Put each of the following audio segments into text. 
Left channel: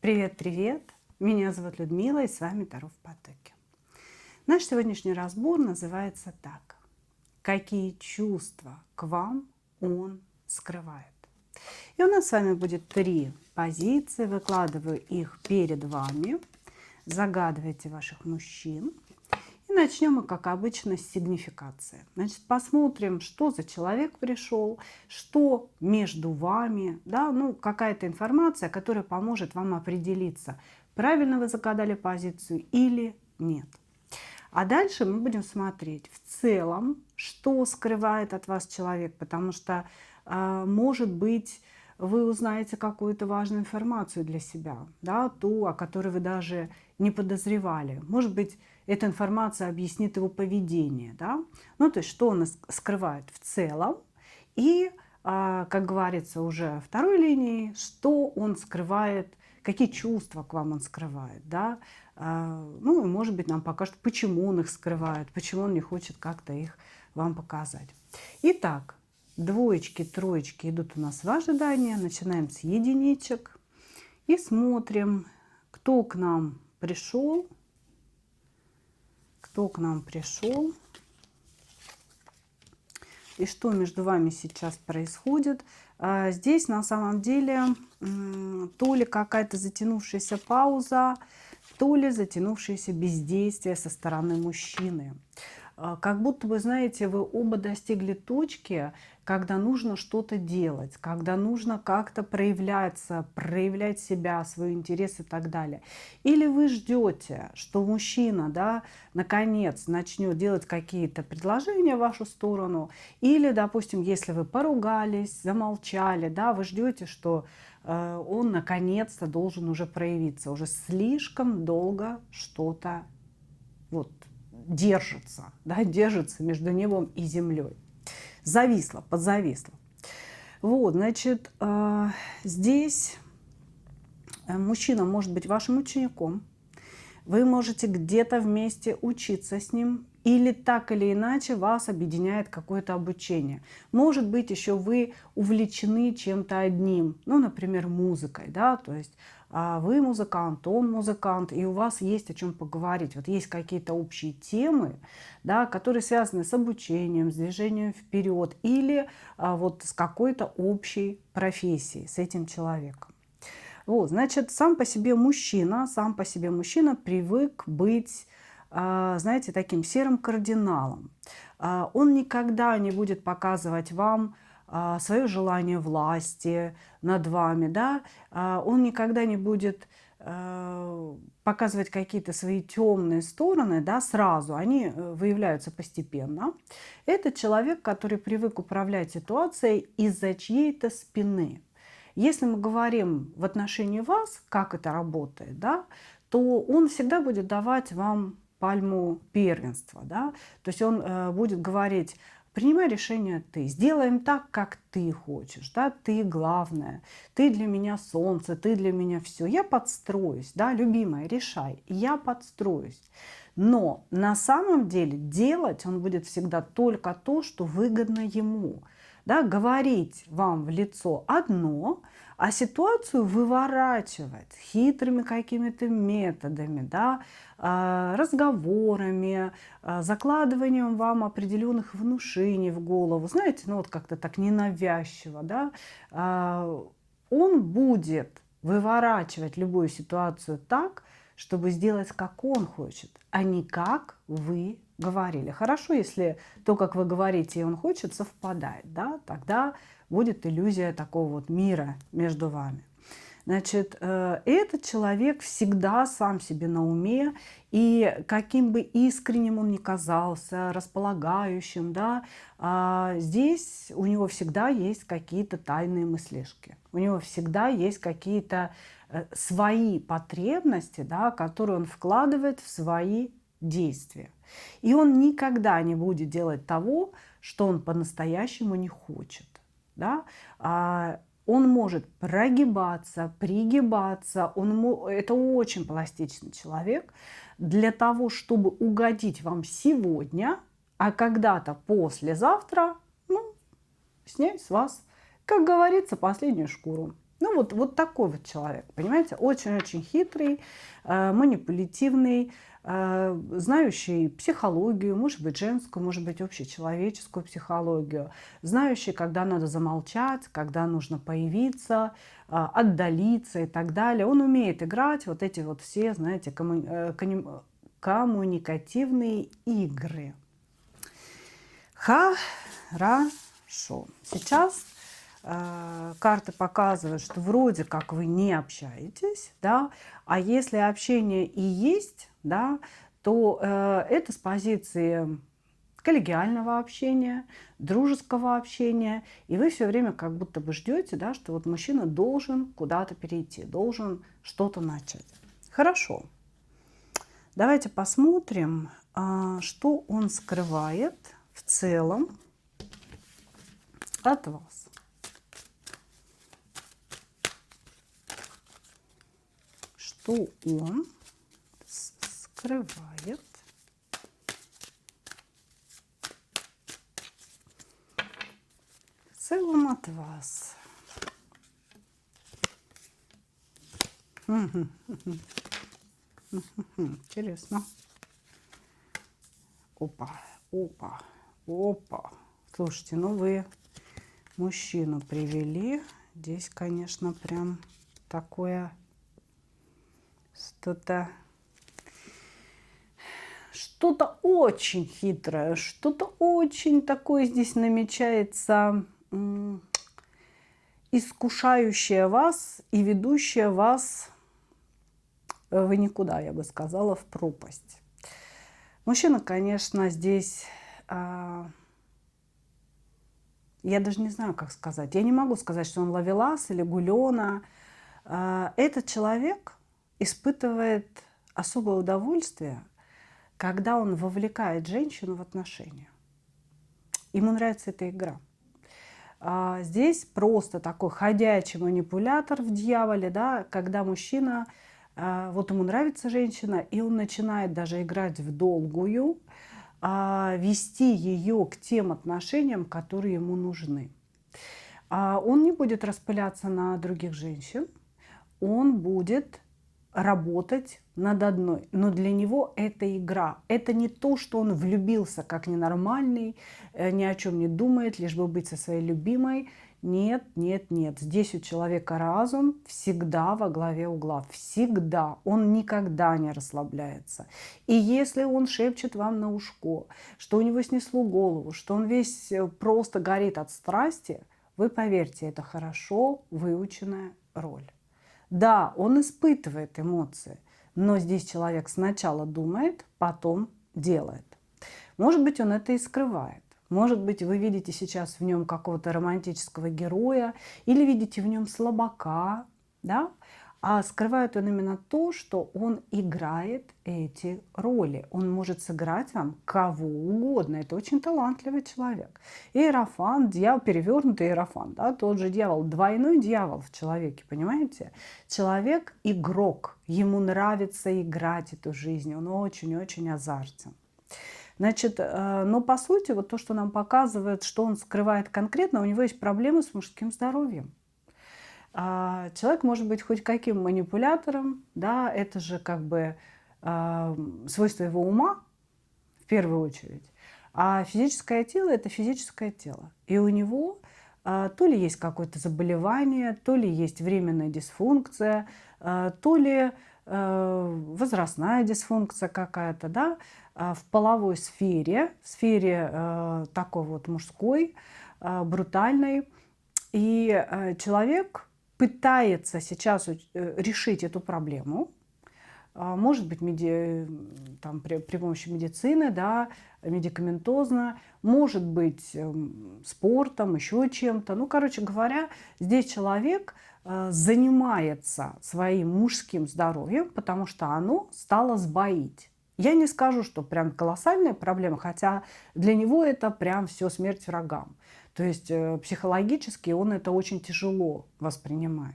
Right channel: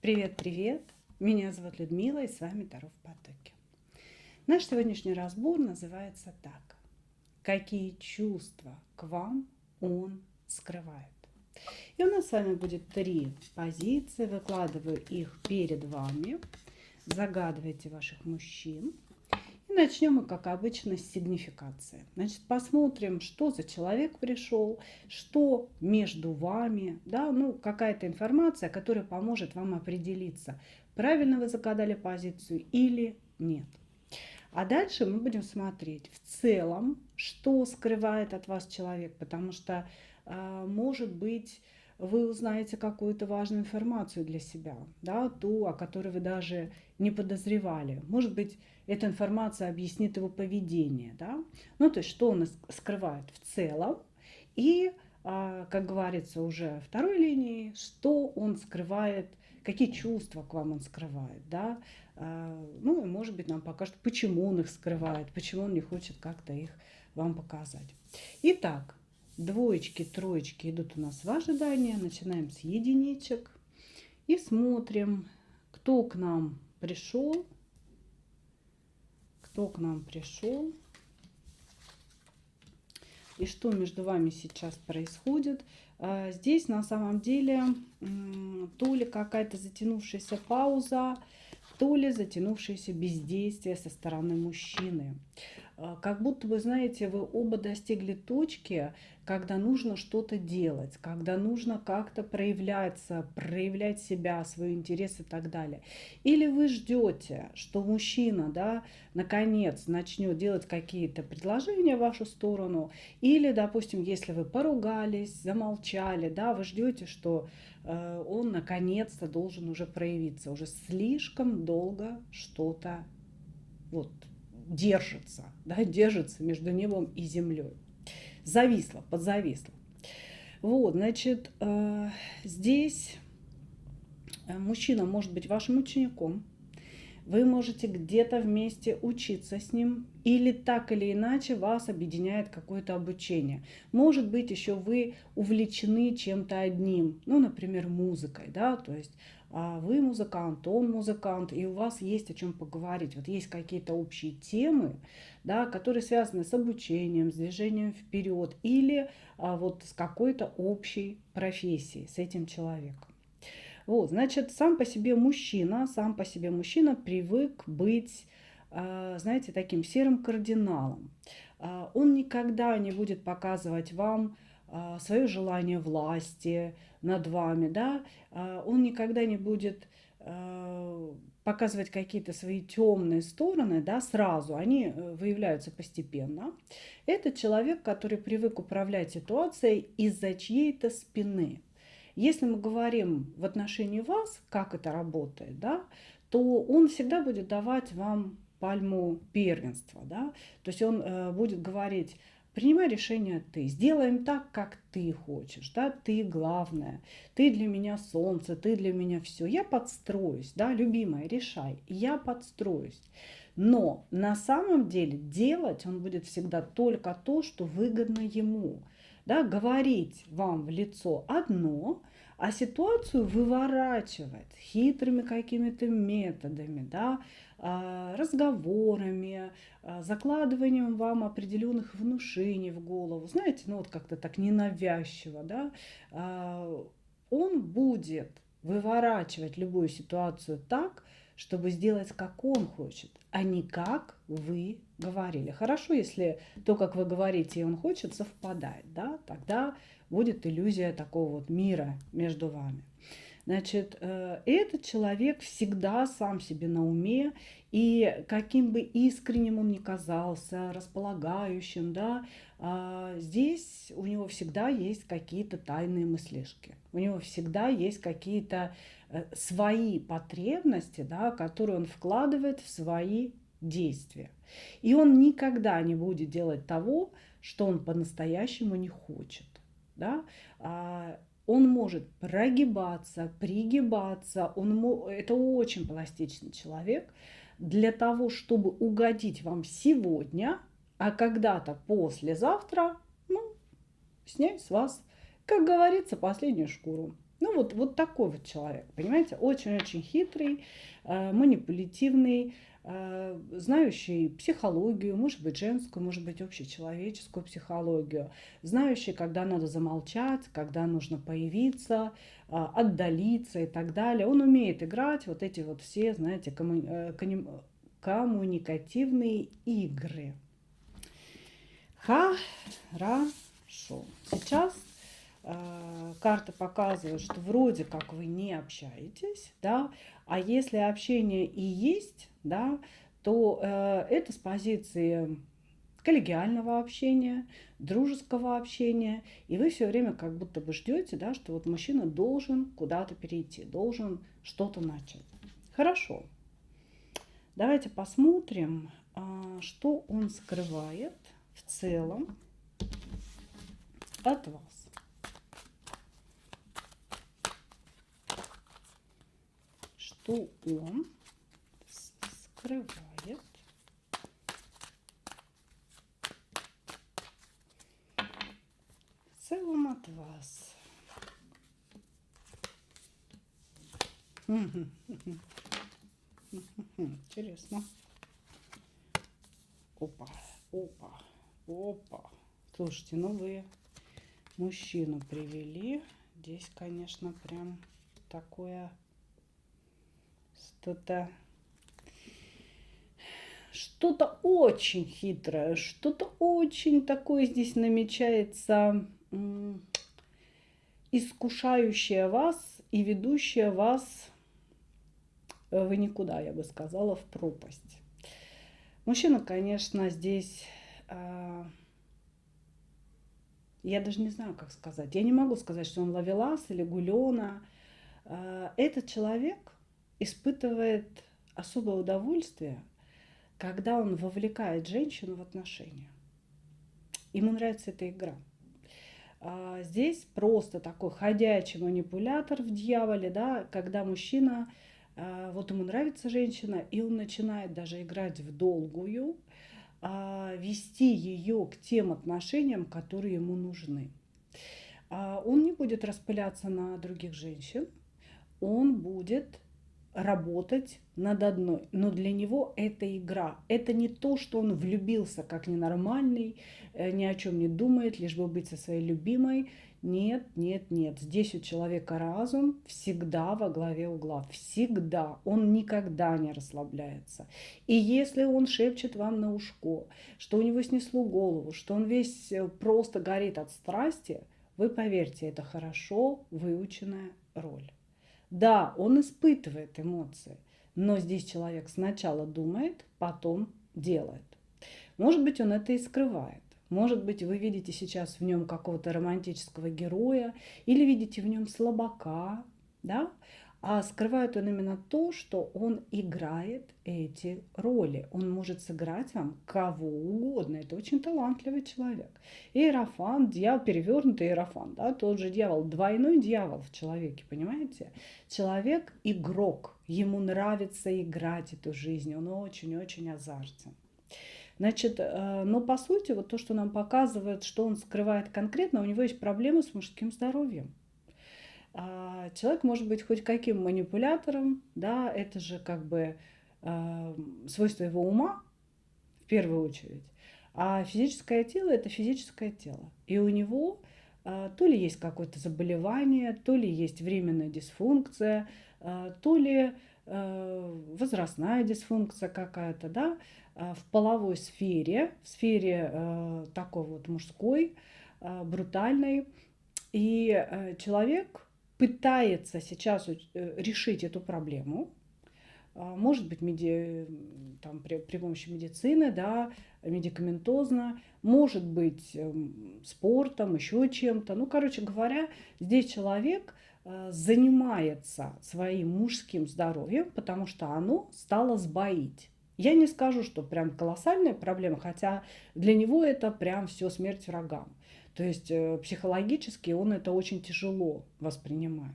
Привет-привет! Меня зовут Людмила, и с вами Таро в потоке. Наш сегодняшний разбор называется так. Какие чувства к вам он скрывает? И у нас с вами будет 3 позиции. Выкладываю их перед вами. Загадывайте ваших мужчин. И начнем мы, как обычно, с сигнификации. Значит, посмотрим, что за человек пришел, что между вами, да, ну, какая-то информация, которая поможет вам определиться, правильно вы загадали позицию или нет. А дальше мы будем смотреть в целом, что скрывает от вас человек, потому что, может быть, вы узнаете какую-то важную информацию для себя, да, ту, о которой вы даже не подозревали. Может быть, эта информация объяснит его поведение, да? Ну, то есть, что он скрывает в целом, и, как говорится уже второй линией, что он скрывает, какие чувства к вам он скрывает, да? Ну, и, может быть, нам покажет, почему он их скрывает, почему он не хочет как-то их вам показать. Итак, двоечки, троечки идут у нас в ожидание. Начинаем с единичек и смотрим, кто к нам пришел, и что между вами сейчас происходит. Здесь на самом деле то ли какая-то затянувшаяся пауза, то ли затянувшееся бездействие со стороны мужчины. Как будто бы, знаете, вы оба достигли точки, когда нужно что-то делать, когда нужно как-то проявляться, проявлять себя, свой интерес и так далее. Или вы ждете, что мужчина, да, наконец начнет делать какие-то предложения в вашу сторону. Или, допустим, если вы поругались, замолчали, да, вы ждете, что он наконец-то должен уже проявиться. Уже слишком долго что-то вот держится, да, держится между небом и землей. Зависло, подзависло. Вот, значит, здесь мужчина может быть вашим учеником. Вы можете где-то вместе учиться с ним, или так или иначе вас объединяет какое-то обучение. Может быть, еще вы увлечены чем-то одним, ну, например, музыкой, да, то есть вы музыкант, он музыкант, и у вас есть о чем поговорить. Вот есть какие-то общие темы, да, которые связаны с обучением, с движением вперед, или вот с какой-то общей профессией с этим человеком. Вот, значит, сам по себе мужчина привык быть, знаете, таким серым кардиналом. Он никогда не будет показывать вам свое желание власти над вами, да? Он никогда не будет показывать какие-то свои темные стороны, да, сразу, они выявляются постепенно. Это человек, который привык управлять ситуацией из-за чьей-то спины. Если мы говорим в отношении вас, как это работает, да, то он всегда будет давать вам пальму первенства. Да? То есть он будет говорить: принимай решение ты, сделаем так, как ты хочешь, да? Ты главное, ты для меня солнце, ты для меня все. Я подстроюсь, да, любимая, решай, я подстроюсь. Но на самом деле делать он будет всегда только то, что выгодно ему. Да, говорить вам в лицо одно, а ситуацию выворачивать хитрыми какими-то методами, да, разговорами, закладыванием вам определенных внушений в голову. Знаете, ну вот как-то так ненавязчиво, да, он будет выворачивать любую ситуацию так, чтобы сделать, как он хочет, а не как вы говорили. Хорошо, если то, как вы говорите, и он хочет, совпадает, да, тогда будет иллюзия такого вот мира между вами. Значит, этот человек всегда сам себе на уме, и каким бы искренним он ни казался, располагающим, да, здесь у него всегда есть какие-то тайные мыслишки. У него всегда есть какие-то свои потребности, да, которые он вкладывает в свои действия. И он никогда не будет делать того, что он по-настоящему не хочет. Да? Он может прогибаться, пригибаться. Это очень пластичный человек для того, чтобы угодить вам сегодня, а когда-то послезавтра, ну, снять с вас, как говорится, последнюю шкуру. Ну, вот такой вот человек, понимаете? Очень-очень хитрый, манипулятивный, знающий психологию, может быть, женскую, может быть, общечеловеческую психологию, знающий, когда надо замолчать, когда нужно появиться, отдалиться и так далее. Он умеет играть вот эти вот все, знаете, коммуникативные игры. Хорошо. Сейчас карты показывают, что вроде как вы не общаетесь, да, а если общение и есть, да, то это с позиции коллегиального общения, дружеского общения, и вы все время как будто бы ждете, да, что вот мужчина должен куда-то перейти, должен что-то начать. Хорошо. Давайте посмотрим, что он скрывает в целом от вас. Что он скрывает в целом от вас. Интересно. Опа, опа, опа. Слушайте, ну вы мужчину привели. Здесь, конечно, прям такое что-то очень хитрое, что-то очень такое здесь намечается, искушающее вас и ведущее вас в никуда, я бы сказала, в пропасть. Мужчина, конечно, здесь, я даже не знаю, как сказать. Я не могу сказать, что он ловелас или гулёна. Этот человек испытывает особое удовольствие, когда он вовлекает женщину в отношения. Ему нравится эта игра. Здесь просто такой ходячий манипулятор в дьяволе, да, когда мужчина, вот ему нравится женщина, и он начинает даже играть в долгую, вести ее к тем отношениям, которые ему нужны. Он не будет распыляться на других женщин, он будет работать над одной. Но для него это игра. Это не то, что он влюбился как ненормальный, ни о чем не думает, лишь бы быть со своей любимой. Нет, нет, нет. Здесь у человека разум всегда во главе угла. Всегда. Он никогда не расслабляется. И если он шепчет вам на ушко, что у него снесло голову, что он весь просто горит от страсти, вы поверьте, это хорошо выученная роль. Да, он испытывает эмоции, но здесь человек сначала думает, потом делает. Может быть, он это и скрывает. Может быть, вы видите сейчас в нем какого-то романтического героя или видите в нем слабака, да? А скрывает он именно то, что он играет эти роли. Он может сыграть вам кого угодно. Это очень талантливый человек. Иерофант, дьявол, перевернутый иерофант, да? Тот же дьявол, двойной дьявол в человеке, понимаете? Человек игрок, ему нравится играть эту жизнь, он очень-очень азартен. Значит, но по сути, вот то, что нам показывает, что он скрывает конкретно, у него есть проблемы с мужским здоровьем. Человек может быть хоть каким манипулятором, да, это же как бы свойство его ума в первую очередь, а физическое тело – это физическое тело. И у него то ли есть какое-то заболевание, то ли есть временная дисфункция, то ли возрастная дисфункция какая-то, да, в половой сфере, в сфере такой вот мужской, брутальной. И человек пытается сейчас решить эту проблему, может быть, там, при помощи медицины, да, медикаментозно, может быть, спортом, еще чем-то. Ну, короче говоря, здесь человек занимается своим мужским здоровьем, потому что оно стало сбоить. Я не скажу, что прям колоссальная проблема, хотя для него это прям все смерть врагам. То есть психологически он это очень тяжело воспринимает.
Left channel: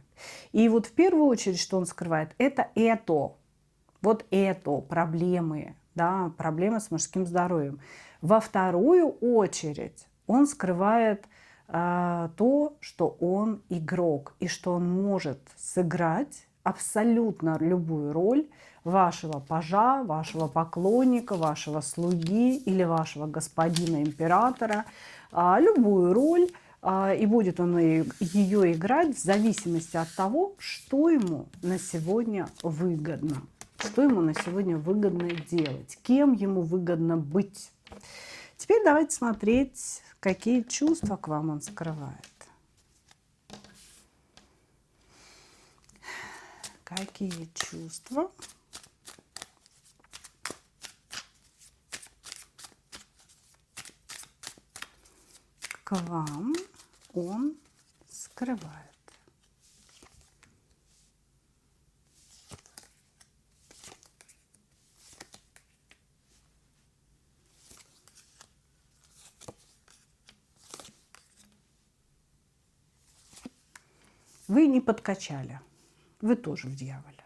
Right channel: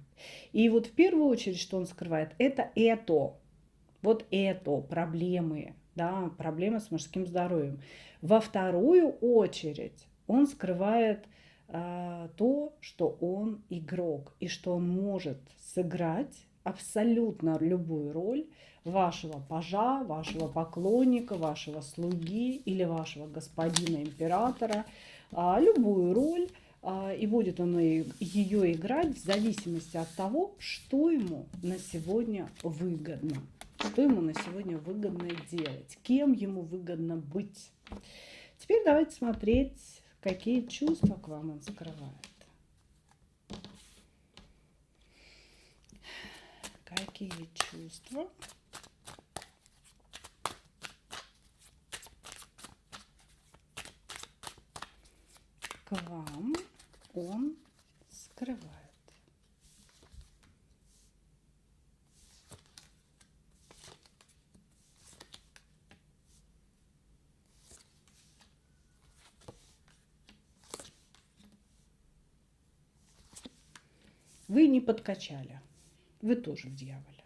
И вот в первую очередь, что он скрывает, это вот это проблемы, да, проблемы с мужским здоровьем. Во вторую очередь он скрывает то, что он игрок и что он может сыграть абсолютно любую роль вашего пажа, вашего поклонника, вашего слуги или вашего господина императора, любую роль, и будет он ее играть в зависимости от того, что ему на сегодня выгодно, что ему на сегодня выгодно делать, кем ему выгодно быть. Теперь давайте смотреть, какие чувства к вам он скрывает. Какие чувства к вам он скрывает? Вы не подкачали, вы тоже в дьяволе.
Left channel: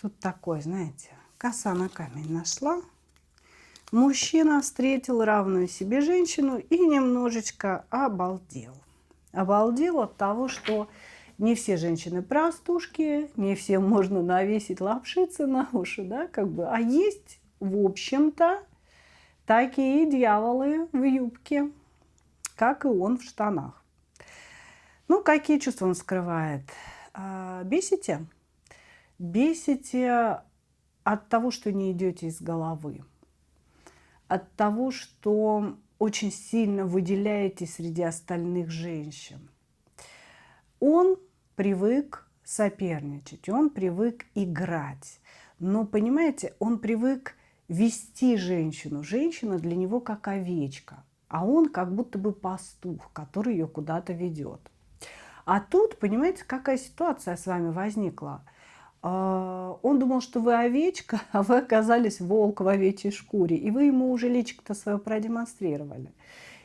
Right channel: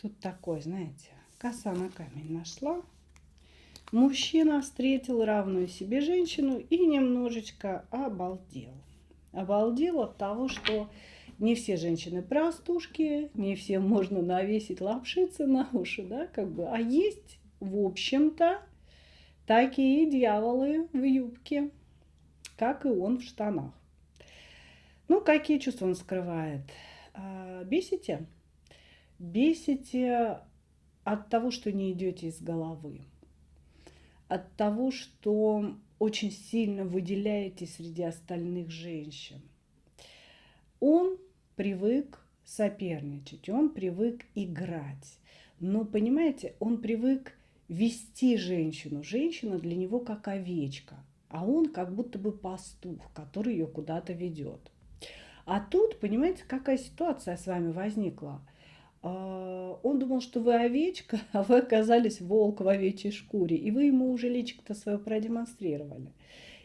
Тут такой, знаете, коса на камень нашла. Мужчина встретил равную себе женщину и немножечко обалдел. Обалдел от того, что не все женщины простушки, не всем можно навесить лапшицы на уши, да, как бы. А есть, в общем-то, такие дьяволы в юбке, как и он в штанах. Ну, какие чувства он скрывает? Бесите? Бесите от того, что не идете из головы. От того, что очень сильно выделяетесь среди остальных женщин. Он привык соперничать, он привык играть. Но, понимаете, он привык вести женщину. Женщина для него как овечка, а он как будто бы пастух, который ее куда-то ведет. А тут, понимаете, какая ситуация с вами возникла? Он думал, что вы овечка, а вы оказались волк в овечьей шкуре. И вы ему уже личико-то свое продемонстрировали.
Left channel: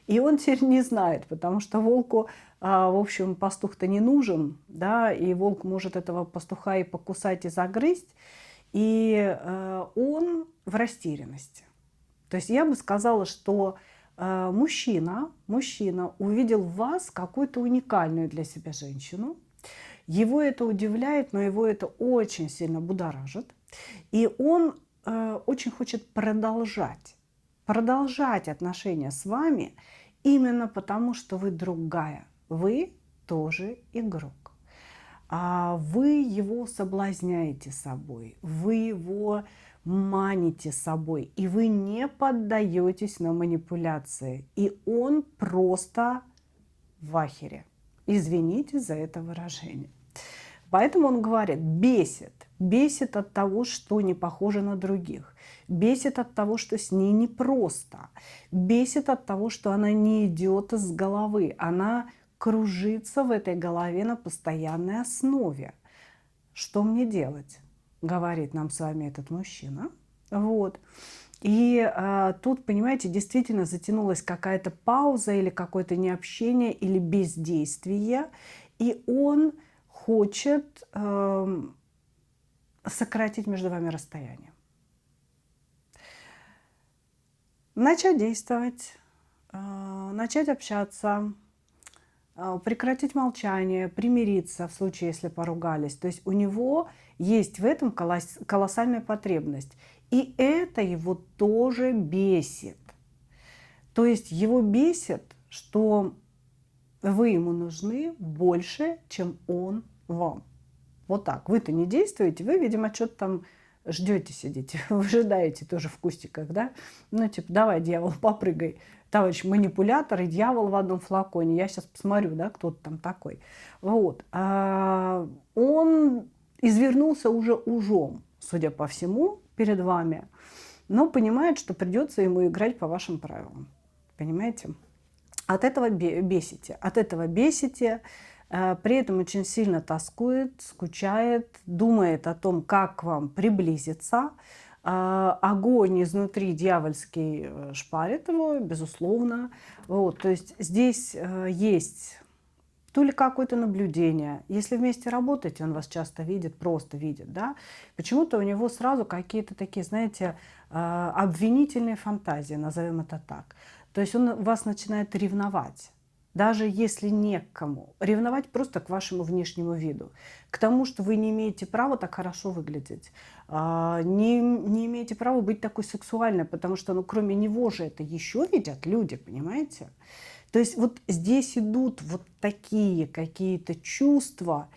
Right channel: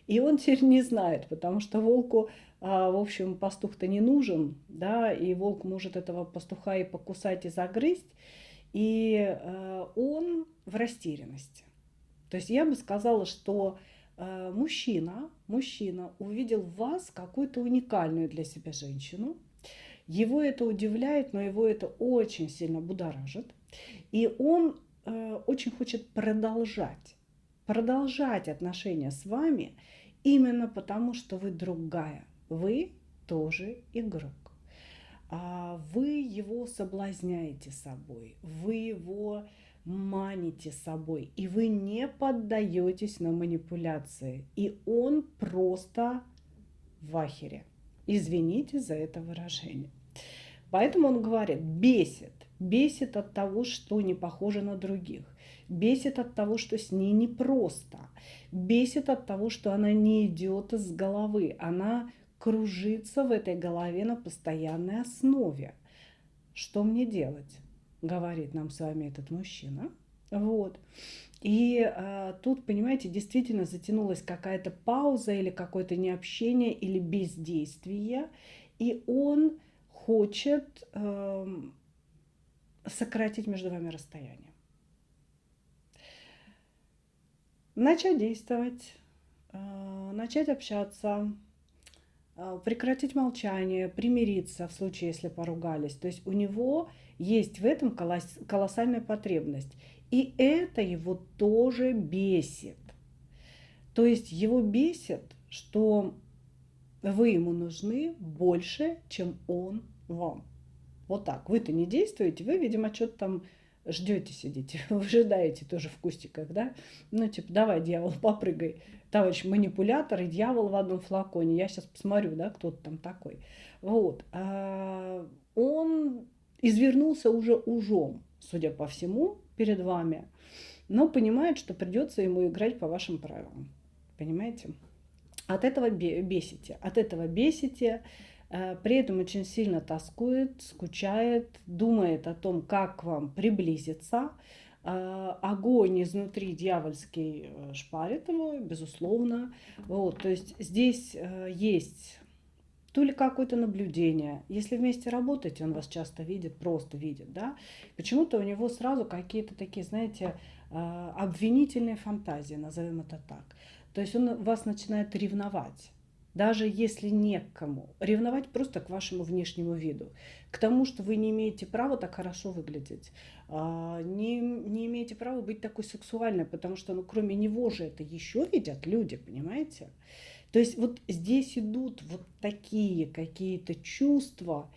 И он теперь не знает, потому что волку, в общем, пастух-то не нужен, да, и волк может этого пастуха и покусать, и загрызть. И он в растерянности. То есть я бы сказала, что мужчина увидел в вас какую-то уникальную для себя женщину. Его это удивляет, но его это очень сильно будоражит. И он очень хочет продолжать отношения с вами именно потому, что вы другая. Вы тоже игрок. Вы его соблазняете собой, вы его маните собой, и вы не поддаетесь на манипуляции. И он просто в ахере. Извините за это выражение. Поэтому он говорит, бесит. Бесит от того, что не похоже на других. Бесит от того, что с ней непросто. Бесит от того, что она не идет из головы. Она кружится в этой голове на постоянной основе. Что мне делать? Говорит нам с вами этот мужчина. Вот. И тут, понимаете, действительно затянулась какая-то пауза или какое-то необщение или бездействие. И он хочет сократить между вами расстояние. Начать действовать, начать общаться, прекратить молчание, примириться в случае, если поругались. То есть у него есть в этом колоссальная потребность. И это его тоже бесит. То есть его бесит, что вы ему нужны больше, чем он вам. Вот так. Вы-то не действуете, вы, видимо, что-то там ждете, сидите, выжидаете тоже в кустиках, да? Ну, типа, давай, дьявол, попрыгай. Товарищ манипулятор и дьявол в одном флаконе. Я сейчас посмотрю, да, кто ты там такой. Вот. Он извернулся уже ужом, судя по всему, перед вами, но понимает, что придется ему играть по вашим правилам. Понимаете? От этого бесите. От этого бесите. При этом очень сильно тоскует, скучает, думает о том, как к вам приблизиться. Огонь изнутри дьявольский шпарит его, безусловно. Вот, то есть здесь есть то ли какое-то наблюдение. Если вместе работаете, он вас часто видит, просто видит, да, почему-то у него сразу какие-то такие, знаете, обвинительные фантазии, назовем это так. То есть он вас начинает ревновать. даже если не к кому. Ревновать просто к вашему внешнему виду, к тому, что вы не имеете права так хорошо выглядеть, не имеете права быть такой сексуальной, потому что, ну, кроме него же это еще видят люди, понимаете? То есть вот здесь идут вот такие какие-то чувства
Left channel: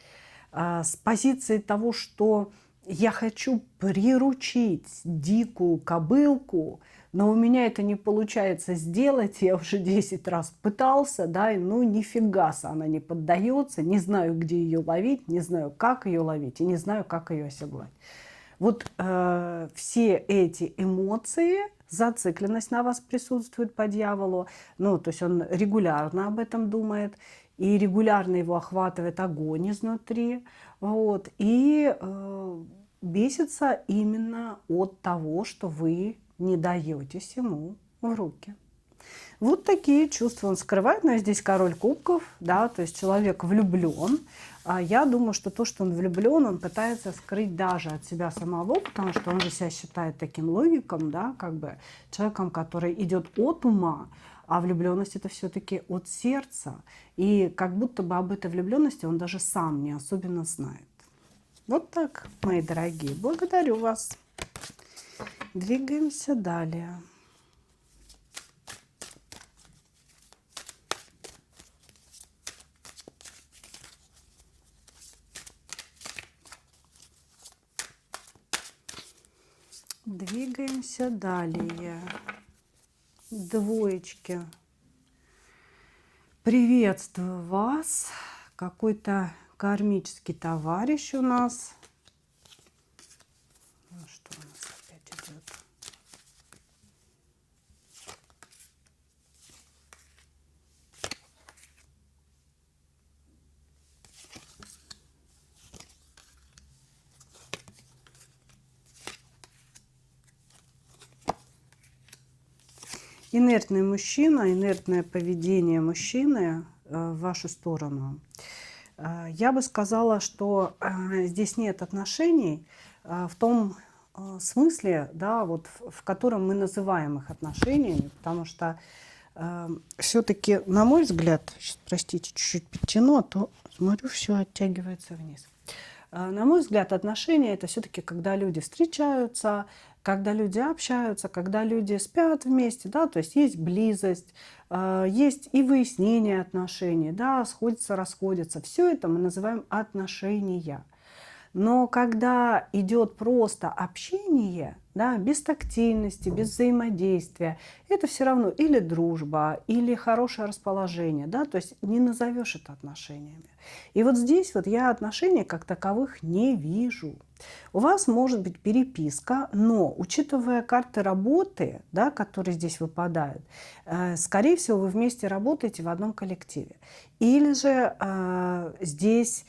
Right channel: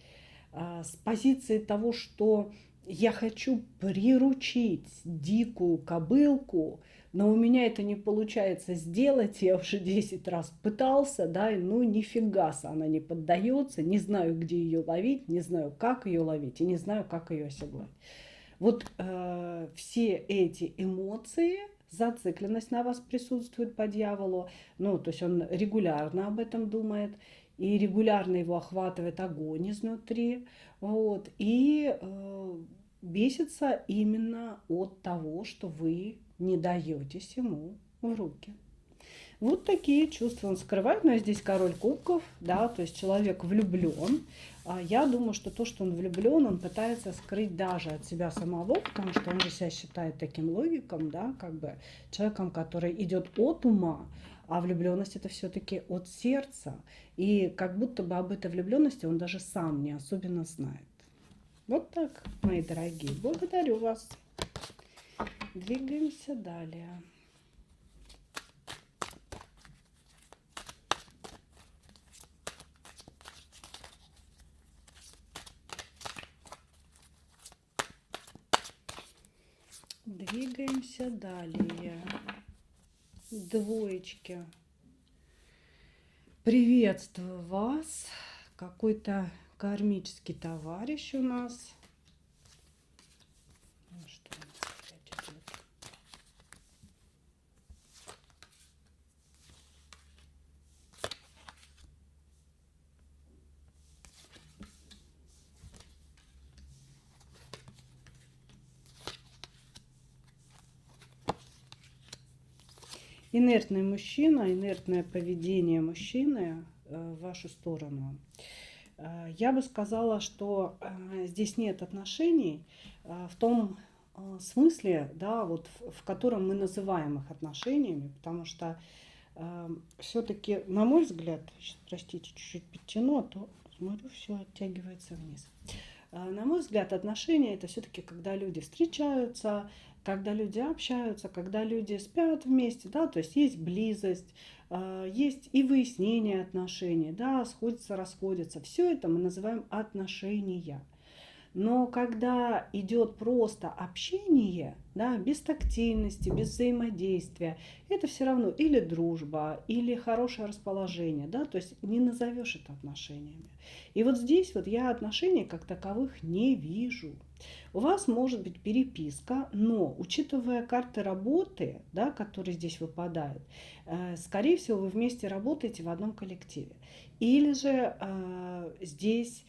с позиции того, что я хочу приручить дикую кобылку, но у меня это не получается сделать, я уже 10 раз пытался, да, и ну нифига она не поддается, не знаю, где ее ловить, не знаю, как ее ловить, и не знаю, как ее оседлать. Вот все эти эмоции, зацикленность на вас присутствует по дьяволу, ну, то есть он регулярно об этом думает, и регулярно его охватывает огонь изнутри, вот, и бесится именно от того, что вы не даетесь ему в руки. Вот такие чувства он скрывает, но здесь король кубков, да, то есть человек влюблен. Я думаю, что то, что он влюблен, он пытается скрыть даже от себя самого, потому что он же себя считает таким логиком, да, как бы человеком, который идет от ума, а влюбленность это все-таки от сердца. И как будто бы об этой влюбленности он даже сам не особенно знает. Вот так, мои дорогие. Благодарю вас. Двигаемся далее. Двигаемся далее. Двоечки. Приветствую вас. Какой-то кармический товарищ у нас. Ну, что у нас опять идет? Инертный мужчина, инертное поведение мужчины в вашу сторону. Я бы сказала, что здесь нет отношений в том смысле, да, вот в котором мы называем их отношениями, потому что все-таки, на мой взгляд, сейчас, простите, чуть-чуть подтяну, а то, смотрю, все оттягивается вниз. На мой взгляд, отношения – это все-таки когда люди встречаются, когда люди общаются, когда люди спят вместе, да, то есть есть близость, есть и выяснение отношений, да, сходятся, расходятся. Все это мы называем отношения. Но когда идет просто общение, да, без тактильности, без взаимодействия, это все равно или дружба, или хорошее расположение, да, то есть не назовешь это отношениями. И вот здесь вот я отношений как таковых не вижу. У вас может быть переписка, но учитывая карты работы, да, которые здесь выпадают, скорее всего, вы вместе работаете в одном коллективе. Или же здесь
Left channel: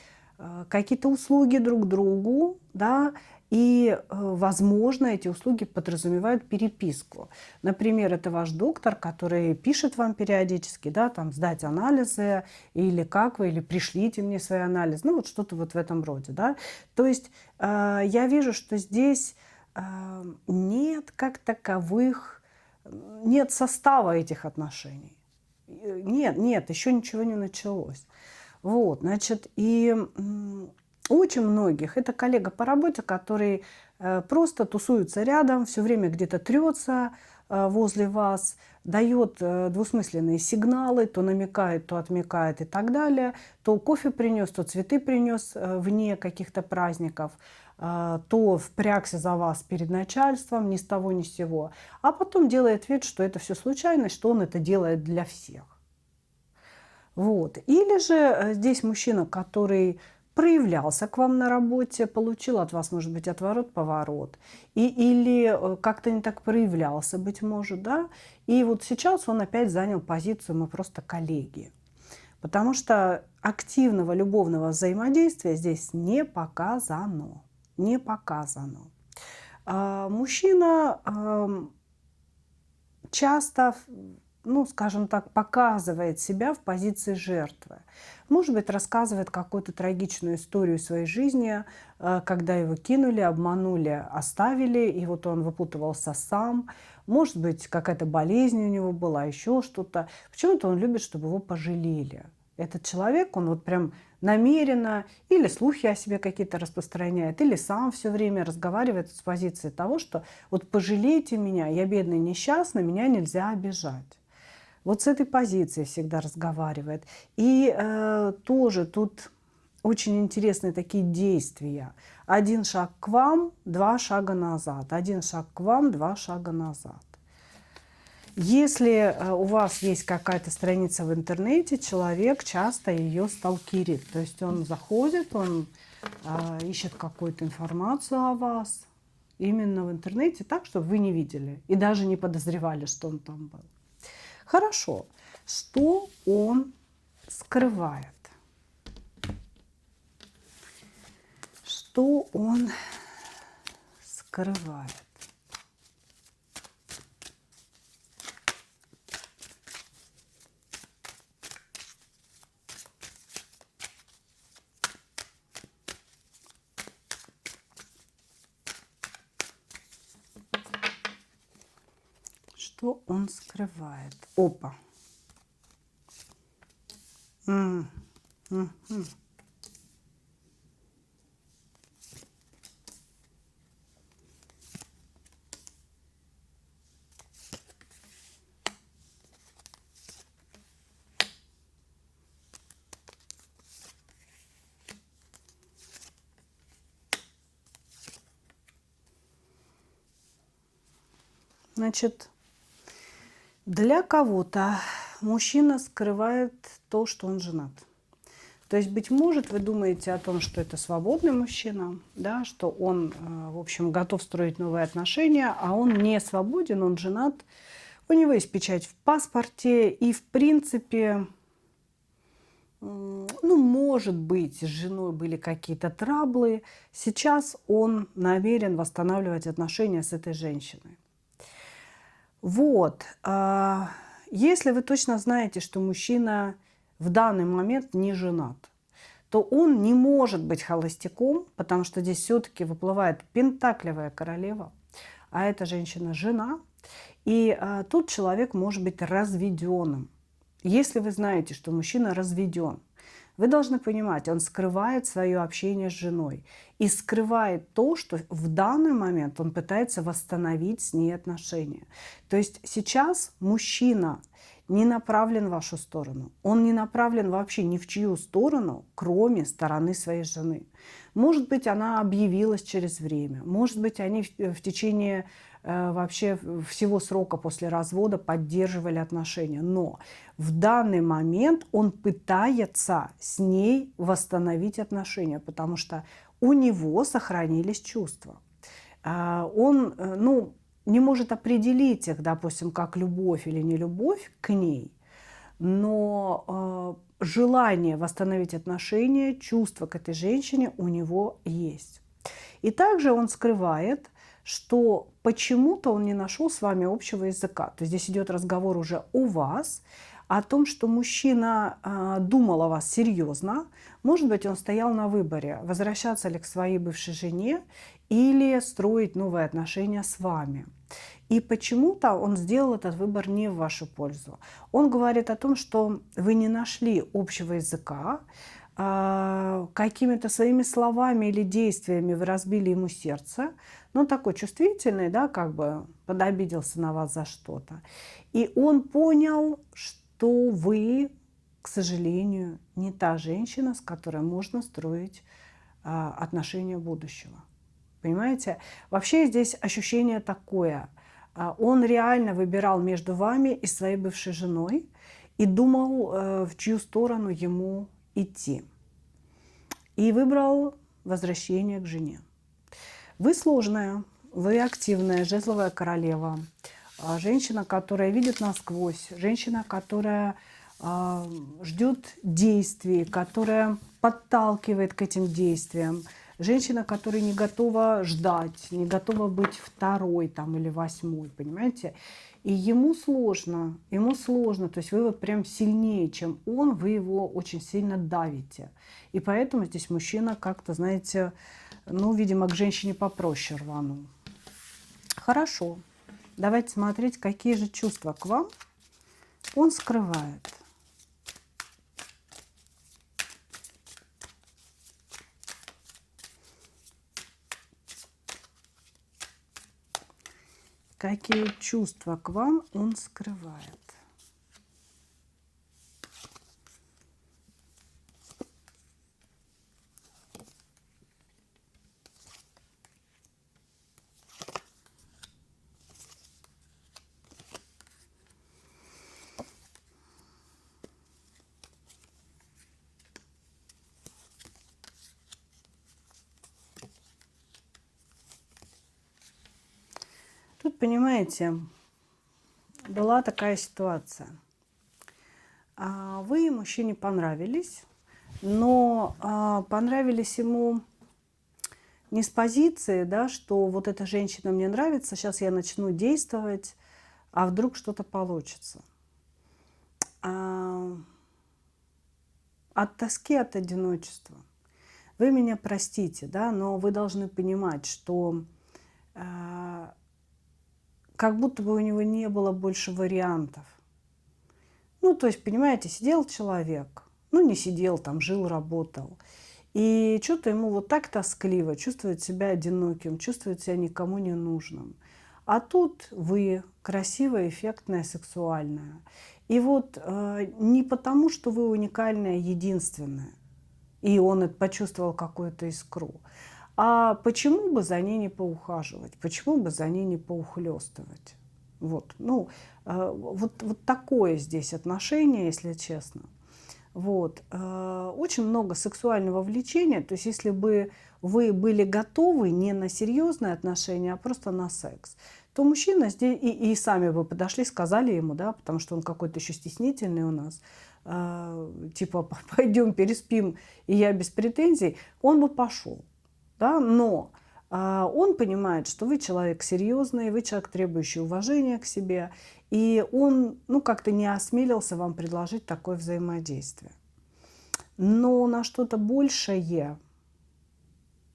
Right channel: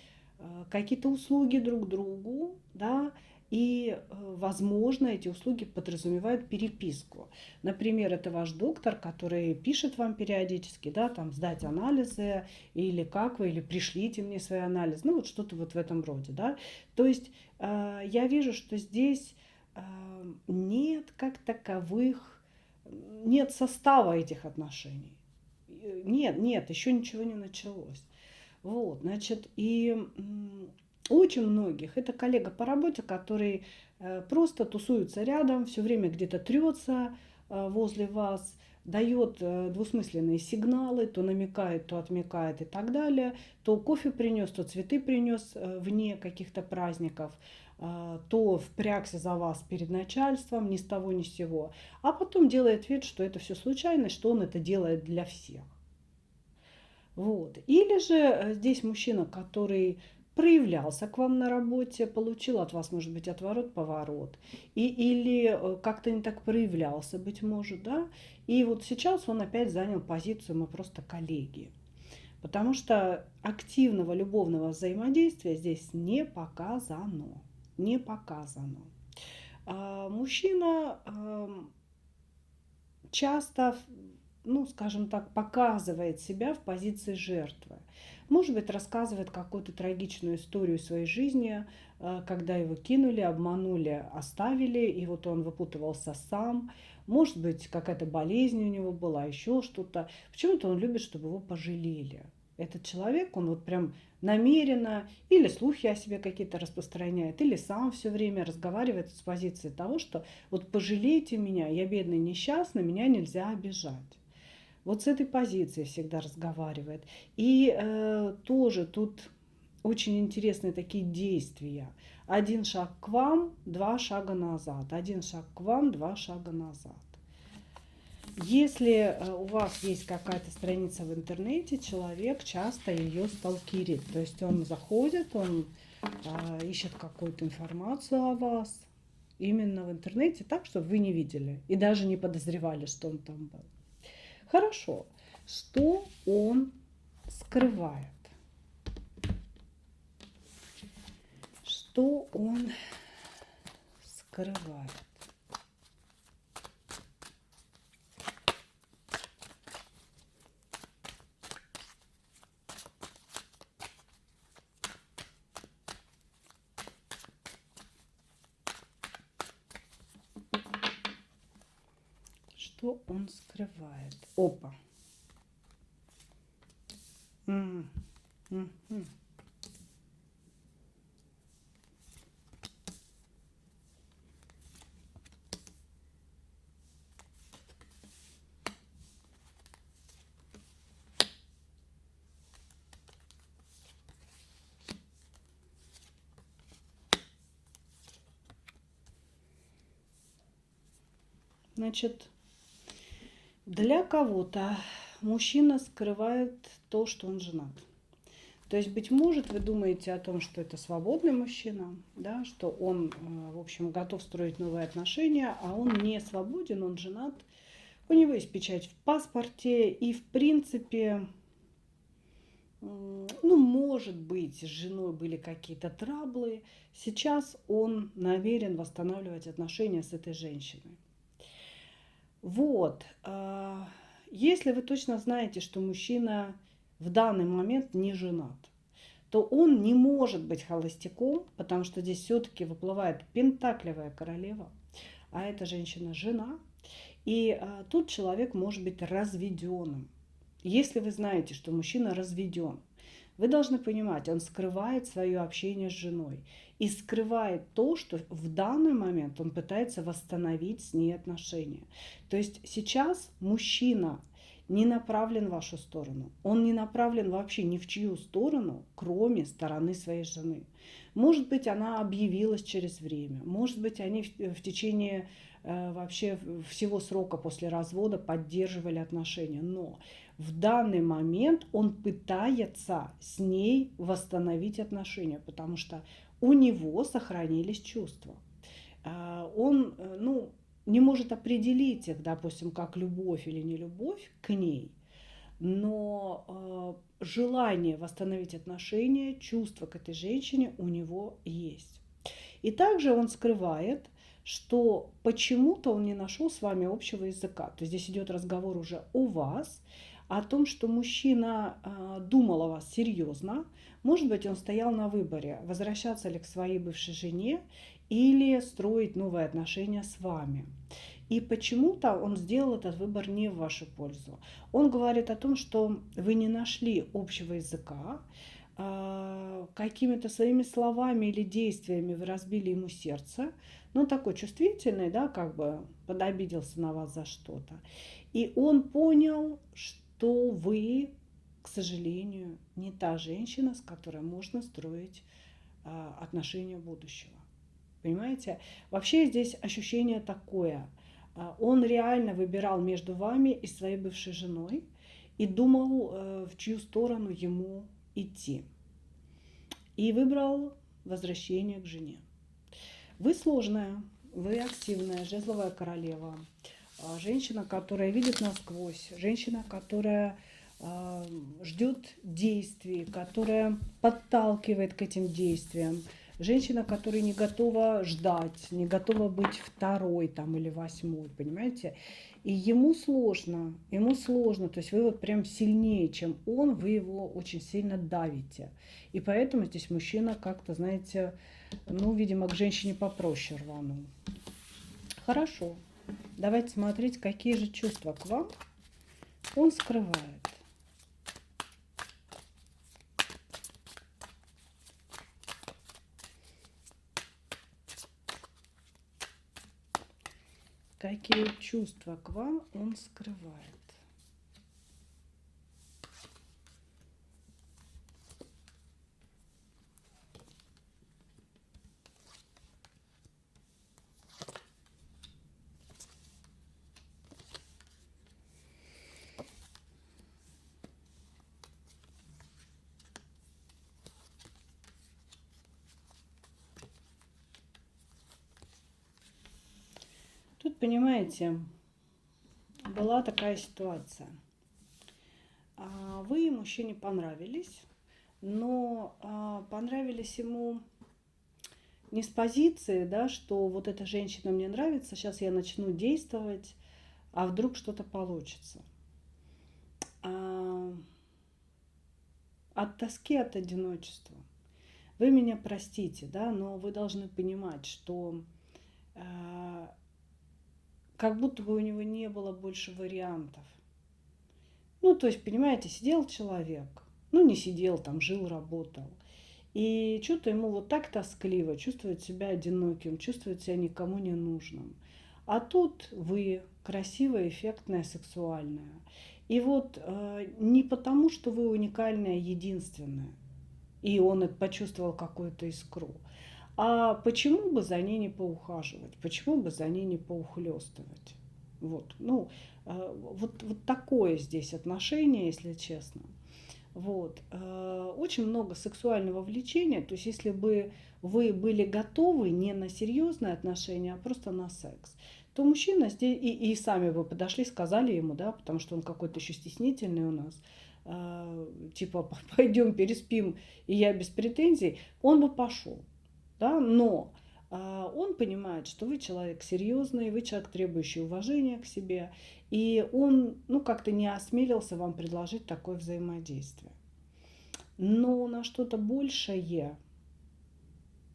какие-то услуги друг другу, да, и, возможно, эти услуги подразумевают переписку. Например, это ваш доктор, который пишет вам периодически, да, там, сдать анализы, или как вы, или пришлите мне свои анализы, ну, вот что-то вот в этом роде, да. То есть я вижу, что здесь нет как таковых, нет состава этих отношений. Нет, еще ничего не началось. Вот, значит, и очень многих это коллега по работе, который просто тусуется рядом, все время где-то трется возле вас, дает двусмысленные сигналы, то намекает, то отмекает и так далее, то кофе принес, то цветы принес вне каких-то праздников, то впрягся за вас перед начальством ни с того ни с сего, а потом делает вид, что это все случайность, что он это делает для всех. Вот. Или же здесь мужчина, который проявлялся к вам на работе, получил от вас, может быть, отворот-поворот, или как-то не так проявлялся, быть может, да, и вот сейчас он опять занял позицию «мы просто коллеги». Потому что активного любовного взаимодействия здесь не показано. Не показано. Мужчина часто, ну, скажем так, показывает себя в позиции жертвы. Может быть, рассказывает какую-то трагичную историю своей жизни, когда его кинули, обманули, оставили, и вот он выпутывался сам. Может быть, какая-то болезнь у него была, еще что-то. Почему-то он любит, чтобы его пожалели. Этот человек, он вот прям намеренно или слухи о себе какие-то распространяет, или сам все время разговаривает с позиции того, что вот пожалейте меня, я бедный, несчастный, меня нельзя обижать. Вот с этой позиции всегда разговаривает. И тоже тут очень интересные такие действия. 1 шаг к вам, 2 шага назад. 1 шаг к вам, 2 шага назад. Если у вас есть какая-то страница в интернете, человек часто ее сталкерит. То есть он заходит, он ищет какую-то информацию о вас именно в интернете так, чтобы вы не видели и даже не подозревали, что он там был. Хорошо. Что он скрывает? Что он скрывает? Что он скрывает? Опа. Значит, для кого-то мужчина скрывает то, что он женат. То есть, быть может, вы думаете о том, что это свободный мужчина, да, что он, в общем, готов строить новые отношения, а он не свободен, он женат, у него есть печать в паспорте, и, в принципе, ну, может быть, с женой были какие-то траблы. Сейчас он намерен восстанавливать отношения с этой женщиной. Вот. Если вы точно знаете, что мужчина в данный момент не женат, то он не может быть холостяком, потому что здесь все-таки выплывает пентаклевая королева, а эта женщина жена, и тут человек может быть разведенным. Если вы знаете, что мужчина разведен, вы должны понимать, он скрывает свое общение с женой и скрывает то, что в данный момент он пытается восстановить с ней отношения. То есть сейчас мужчина не направлен в вашу сторону. Он не направлен вообще ни в чью сторону, кроме стороны своей жены. Может быть, она объявилась через время. Может быть, они в течение вообще всего срока после развода поддерживали отношения. Но в данный момент он пытается с ней восстановить отношения, потому что у него сохранились чувства. Он, ну, не может определить их, допустим, как любовь или не любовь к ней, но желание восстановить отношения, чувства к этой женщине у него есть. И также он скрывает, что почему-то он не нашел с вами общего языка. То есть здесь идет разговор уже о вас, о том, что мужчина думал о вас серьезно. Может быть, он стоял на выборе, возвращаться ли к своей бывшей жене или строить новые отношения с вами. И почему-то он сделал этот выбор не в вашу пользу. Он говорит о том, что вы не нашли общего языка, какими-то своими словами или действиями вы разбили ему сердце. Ну, такой чувствительный, да, как бы подобиделся на вас за что-то. И он понял, что вы, к сожалению, не та женщина, с которой можно строить отношения будущего. Понимаете? Вообще здесь ощущение такое. Он реально выбирал между вами и своей бывшей женой и думал, в чью сторону ему идти. И выбрал возвращение к жене. Вы сложная, вы активная, жезловая королева. Женщина, которая видит насквозь. Женщина, которая ждет действий, которая подталкивает к этим действиям. Женщина, которая не готова ждать, не готова быть второй там, или восьмой, понимаете? И ему сложно, то есть вы вот прям сильнее, чем он, вы его очень сильно давите. И поэтому здесь мужчина как-то, знаете, ну, видимо, к женщине попроще рванул. Хорошо, давайте смотреть, какие же чувства к вам он скрывает. Какие чувства к вам он скрывает? Тут, понимаете, была такая ситуация. Вы мужчине понравились, но понравились ему не с позиции, да, что вот эта женщина мне нравится, сейчас я начну действовать, а вдруг что-то получится. От тоски, от одиночества. Вы меня простите, да, но вы должны понимать, что как будто бы у него не было больше вариантов. Ну, то есть, понимаете, сидел человек, ну, не сидел, там, жил, работал. И что-то ему вот так тоскливо, чувствует себя одиноким, чувствует себя никому не нужным. А тут вы красивая, эффектная, сексуальная. И вот не потому, что вы уникальная, единственная, и он это почувствовал какую-то искру, а почему бы за ней не поухаживать, почему бы за ней не поухлёстывать. Вот, ну, вот такое здесь отношение, если честно. Вот. Очень много сексуального влечения. То есть если бы вы были готовы не на серьезные отношения, а просто на секс, то мужчина здесь и сами бы подошли, сказали ему, да, потому что он какой-то еще стеснительный у нас, типа пойдем переспим, и я без претензий, он бы пошел, да, но он понимает, что вы человек серьезный, вы человек, требующий уважения к себе, и он, ну, как-то не осмелился вам предложить такое взаимодействие. Но на что-то большее,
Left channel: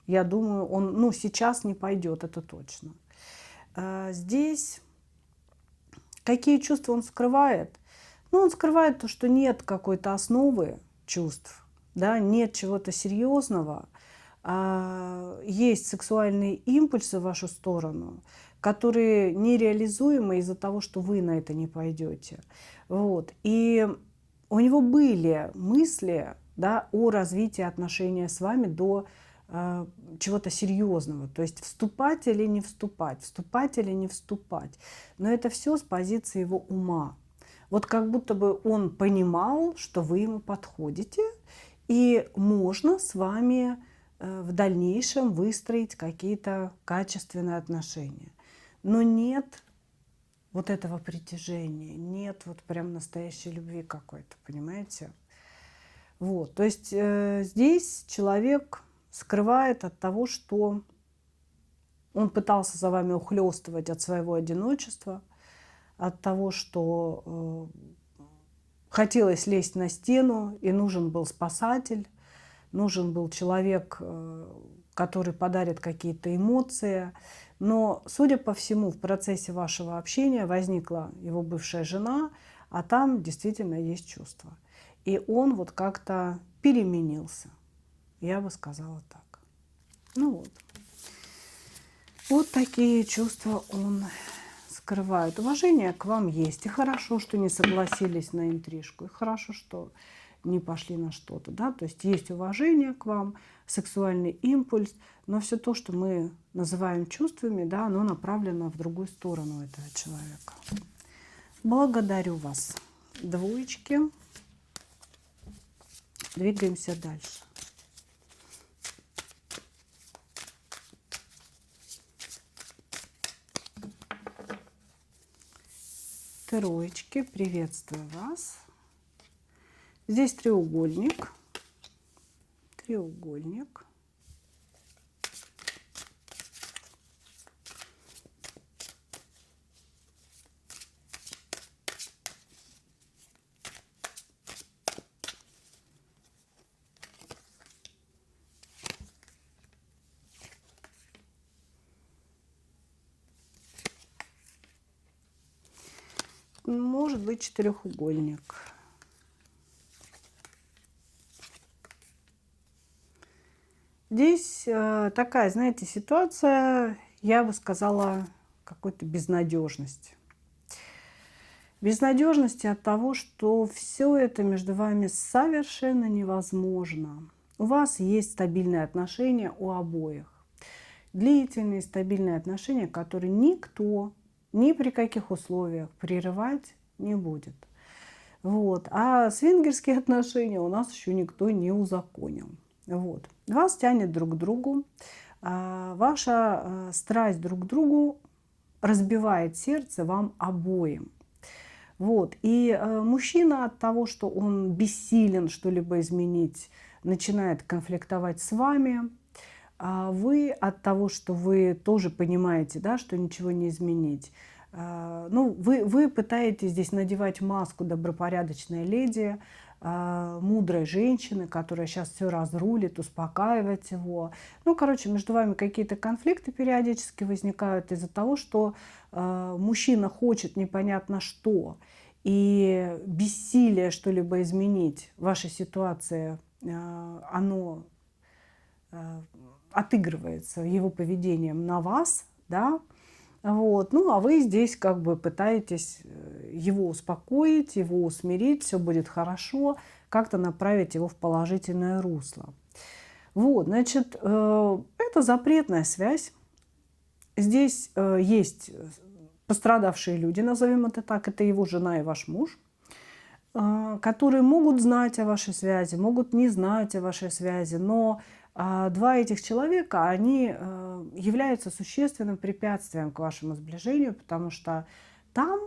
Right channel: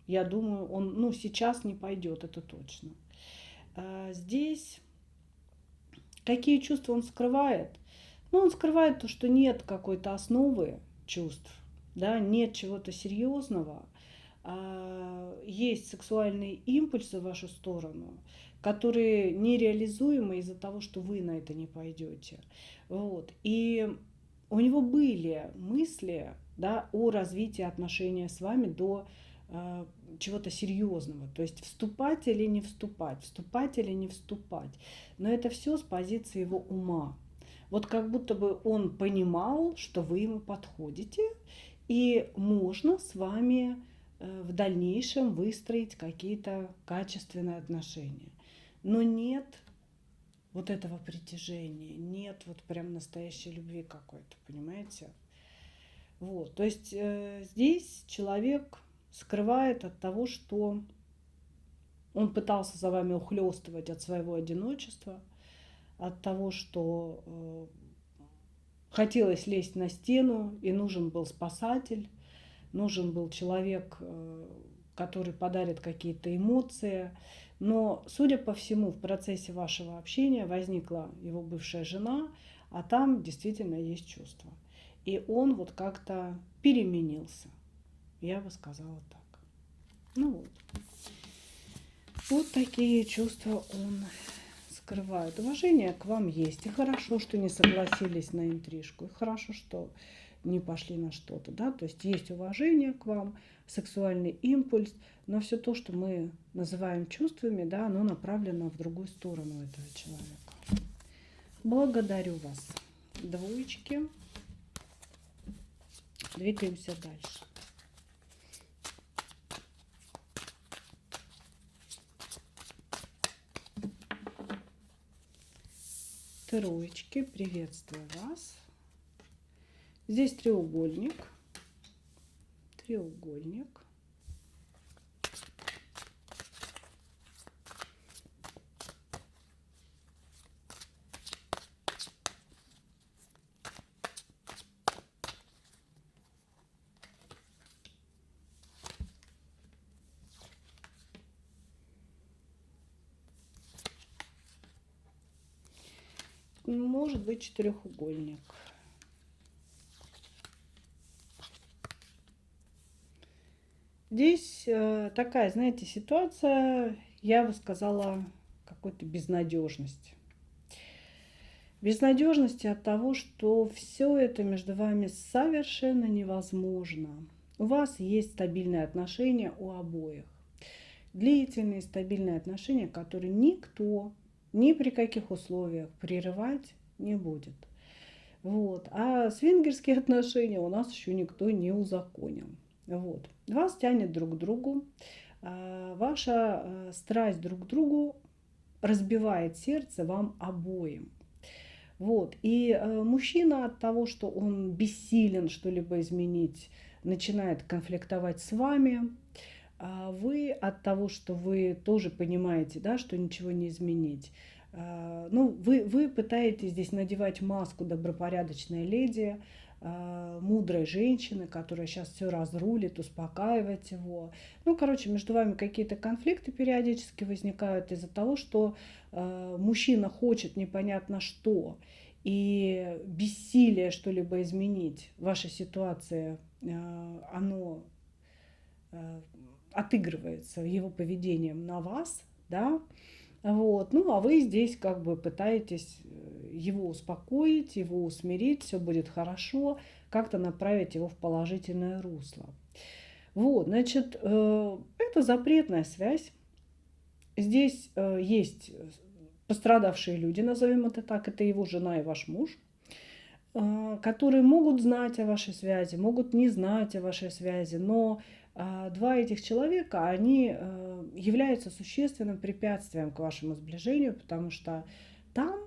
я думаю, он, ну, сейчас не пойдет, это точно. Здесь какие чувства он скрывает? Ну, он скрывает то, что нет какой-то основы чувств, да, нет чего-то серьезного, есть сексуальные импульсы в вашу сторону, которые нереализуемы из-за того, что вы на это не пойдете. Вот. И у него были мысли, да, о развитии отношений с вами до чего-то серьезного, то есть вступать или не вступать, вступать или не вступать. Но это все с позиции его ума. Вот как будто бы он понимал, что вы ему подходите, и можно с вами в дальнейшем выстроить какие-то качественные отношения. Но нет вот этого притяжения, нет вот прям настоящей любви какой-то, понимаете? Вот, то есть здесь человек скрывает от того, что он пытался за вами ухлёстывать от своего одиночества, от того, что хотелось лезть на стену, и нужен был спасатель, нужен был человек, который подарит какие-то эмоции. Но, судя по всему, в процессе вашего общения возникла его бывшая жена, а там действительно есть чувства. И он вот как-то переменился. Я бы сказала так. Ну вот. Вот такие чувства он скрывает. Уважение к вам есть. И хорошо, что не согласились на интрижку. И хорошо, что не пошли на что-то. Да? То есть есть уважение к вам, сексуальный импульс. Но все то, что мы называем чувствами, да, оно направлено в другую сторону этого человека. Благодарю вас. Двоечки. Двигаемся дальше. Троечки, приветствую вас. Здесь треугольник. Треугольник. может быть четырехугольник. Здесь такая, знаете, ситуация, я бы сказала, какой-то безнадежности. Безнадежности от того, что все это между вами совершенно невозможно. У вас есть стабильные отношения у обоих. Длительные стабильные отношения, которые никто ни при каких условиях прерывать не будет. Вот. А свингерские отношения у нас еще никто не узаконил. Вот. Вас тянет друг к другу. Ваша страсть друг к другу разбивает сердце вам обоим. Вот. И мужчина от того, что он бессилен что-либо изменить, начинает конфликтовать с вами. А вы от того, что вы тоже понимаете, да, что ничего не изменить. Ну, вы пытаетесь здесь надевать маску добропорядочной леди, мудрой женщины, которая сейчас все разрулит, успокаивать его. Ну, короче, между вами какие-то конфликты периодически возникают из-за того, что мужчина хочет непонятно что, и бессилие что-либо изменить в вашей ситуации, оно отыгрывается его поведением на вас, да, вот. Ну, а вы здесь как бы пытаетесь его успокоить, его усмирить, все будет хорошо, как-то направить его в положительное русло. Вот, значит, это запретная связь. Здесь есть пострадавшие люди, назовем это так, это его жена и ваш муж, которые могут знать о вашей связи, могут не знать о вашей связи, но два этих человека, они являются существенным препятствием к вашему сближению, потому что там,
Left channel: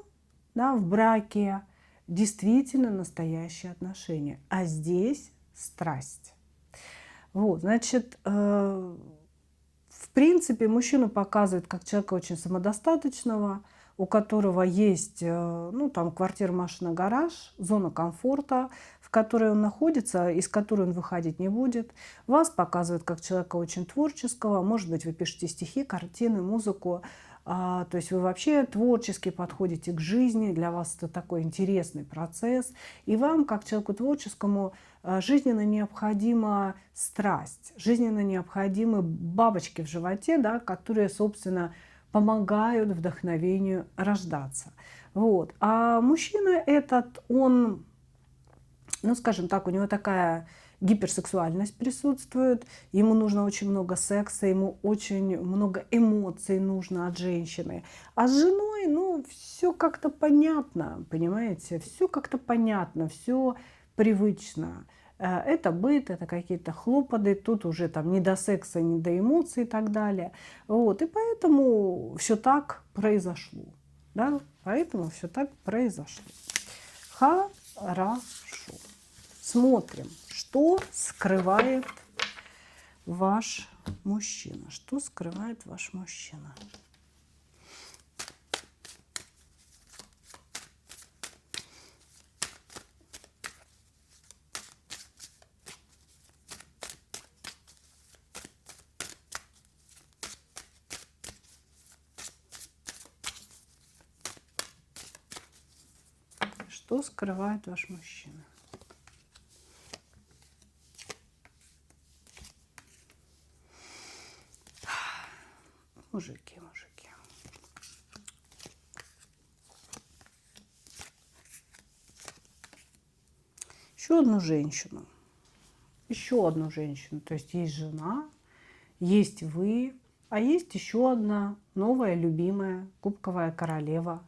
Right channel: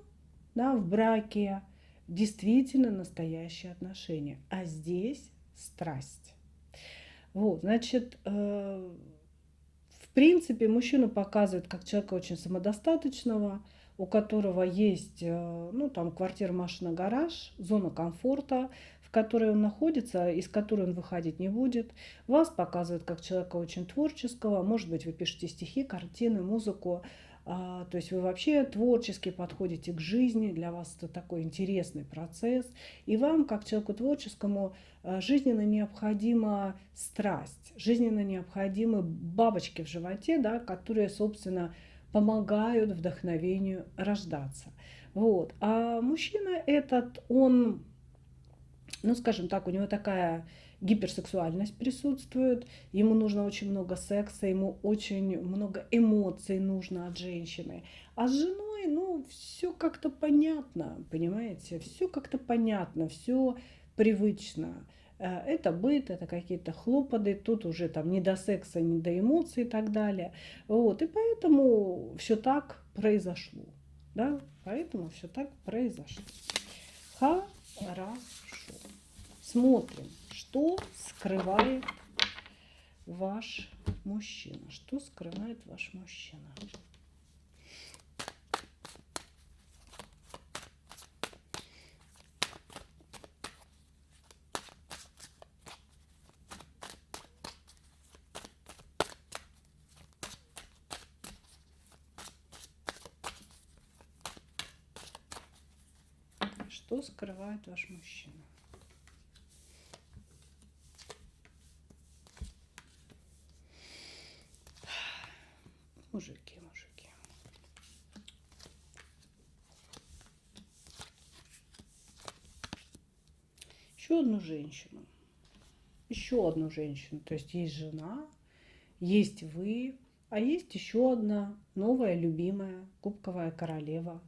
да, в браке действительно настоящие отношения, а здесь страсть. Вот, значит, в принципе, мужчину показывают как человека очень самодостаточного, у которого есть, ну, там, квартира, машина, гараж, зона комфорта, в которой он находится, из которой он выходить не будет. Вас показывают как человека очень творческого. Может быть, вы пишете стихи, картины, музыку. То есть вы вообще творчески подходите к жизни. Для вас это такой интересный процесс. И вам, как человеку творческому, жизненно необходима страсть, жизненно необходимы бабочки в животе, да, которые, собственно, помогают вдохновению рождаться. Вот. А мужчина этот, он, ну, скажем так, у него такая гиперсексуальность присутствует, ему нужно очень много секса, ему очень много эмоций нужно от женщины. А с женой, ну, все как-то понятно, понимаете, все как-то понятно, все привычно. Это быт, это какие-то хлопоты, тут уже там не до секса, не до эмоций и так далее. Вот, и поэтому все так произошло. Да? Поэтому все так произошло. Хорошо. Смотрим, что скрывает ваш мужчина. Что скрывает ваш мужчина? Что скрывает ваш мужчина? Мужики. Еще одну женщину. Еще одну женщину. То есть есть жена, есть вы, а есть еще одна новая, любимая, кубковая королева,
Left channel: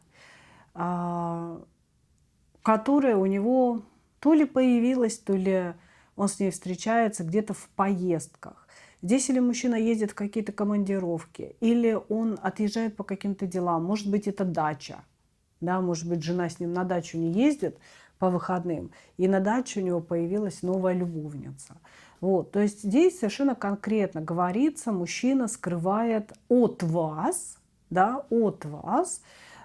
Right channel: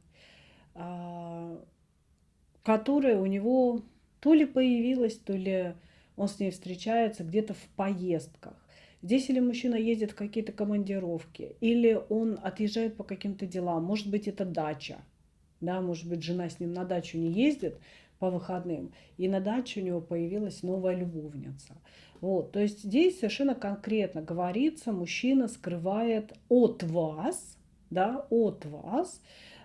которая у него то ли появилась, то ли он с ней встречается где-то в поездках. Здесь или мужчина ездит в какие-то командировки, или он отъезжает по каким-то делам. Может быть, это дача. Да, может быть, жена с ним на дачу не ездит по выходным, и на даче у него появилась новая любовница. Вот, то есть здесь совершенно конкретно говорится, мужчина скрывает от вас, да, от вас,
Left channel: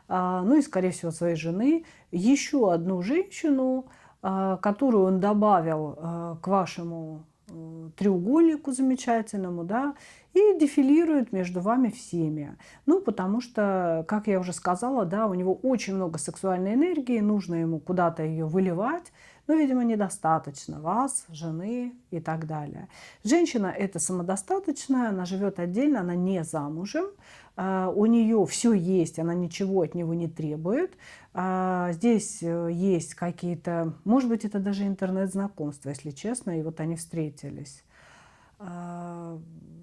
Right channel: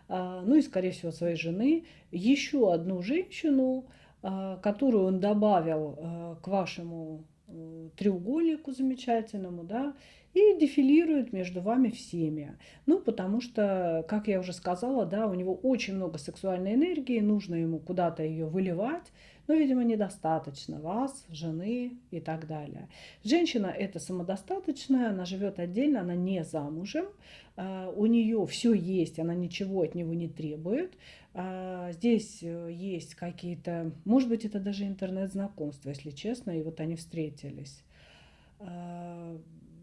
ну и, скорее всего, своей жены, еще одну женщину, которую он добавил к вашему треугольнику замечательному, да, и дефилирует между вами всеми. Ну, потому что, как я уже сказала, да, у него очень много сексуальной энергии, нужно ему куда-то ее выливать, но, видимо, недостаточно вас, жены и так далее. Женщина это самодостаточная, она живет отдельно, она не замужем, у нее все есть, она ничего от него не требует. Здесь есть какие-то, может быть, это даже интернет-знакомства, если честно, и вот они встретились.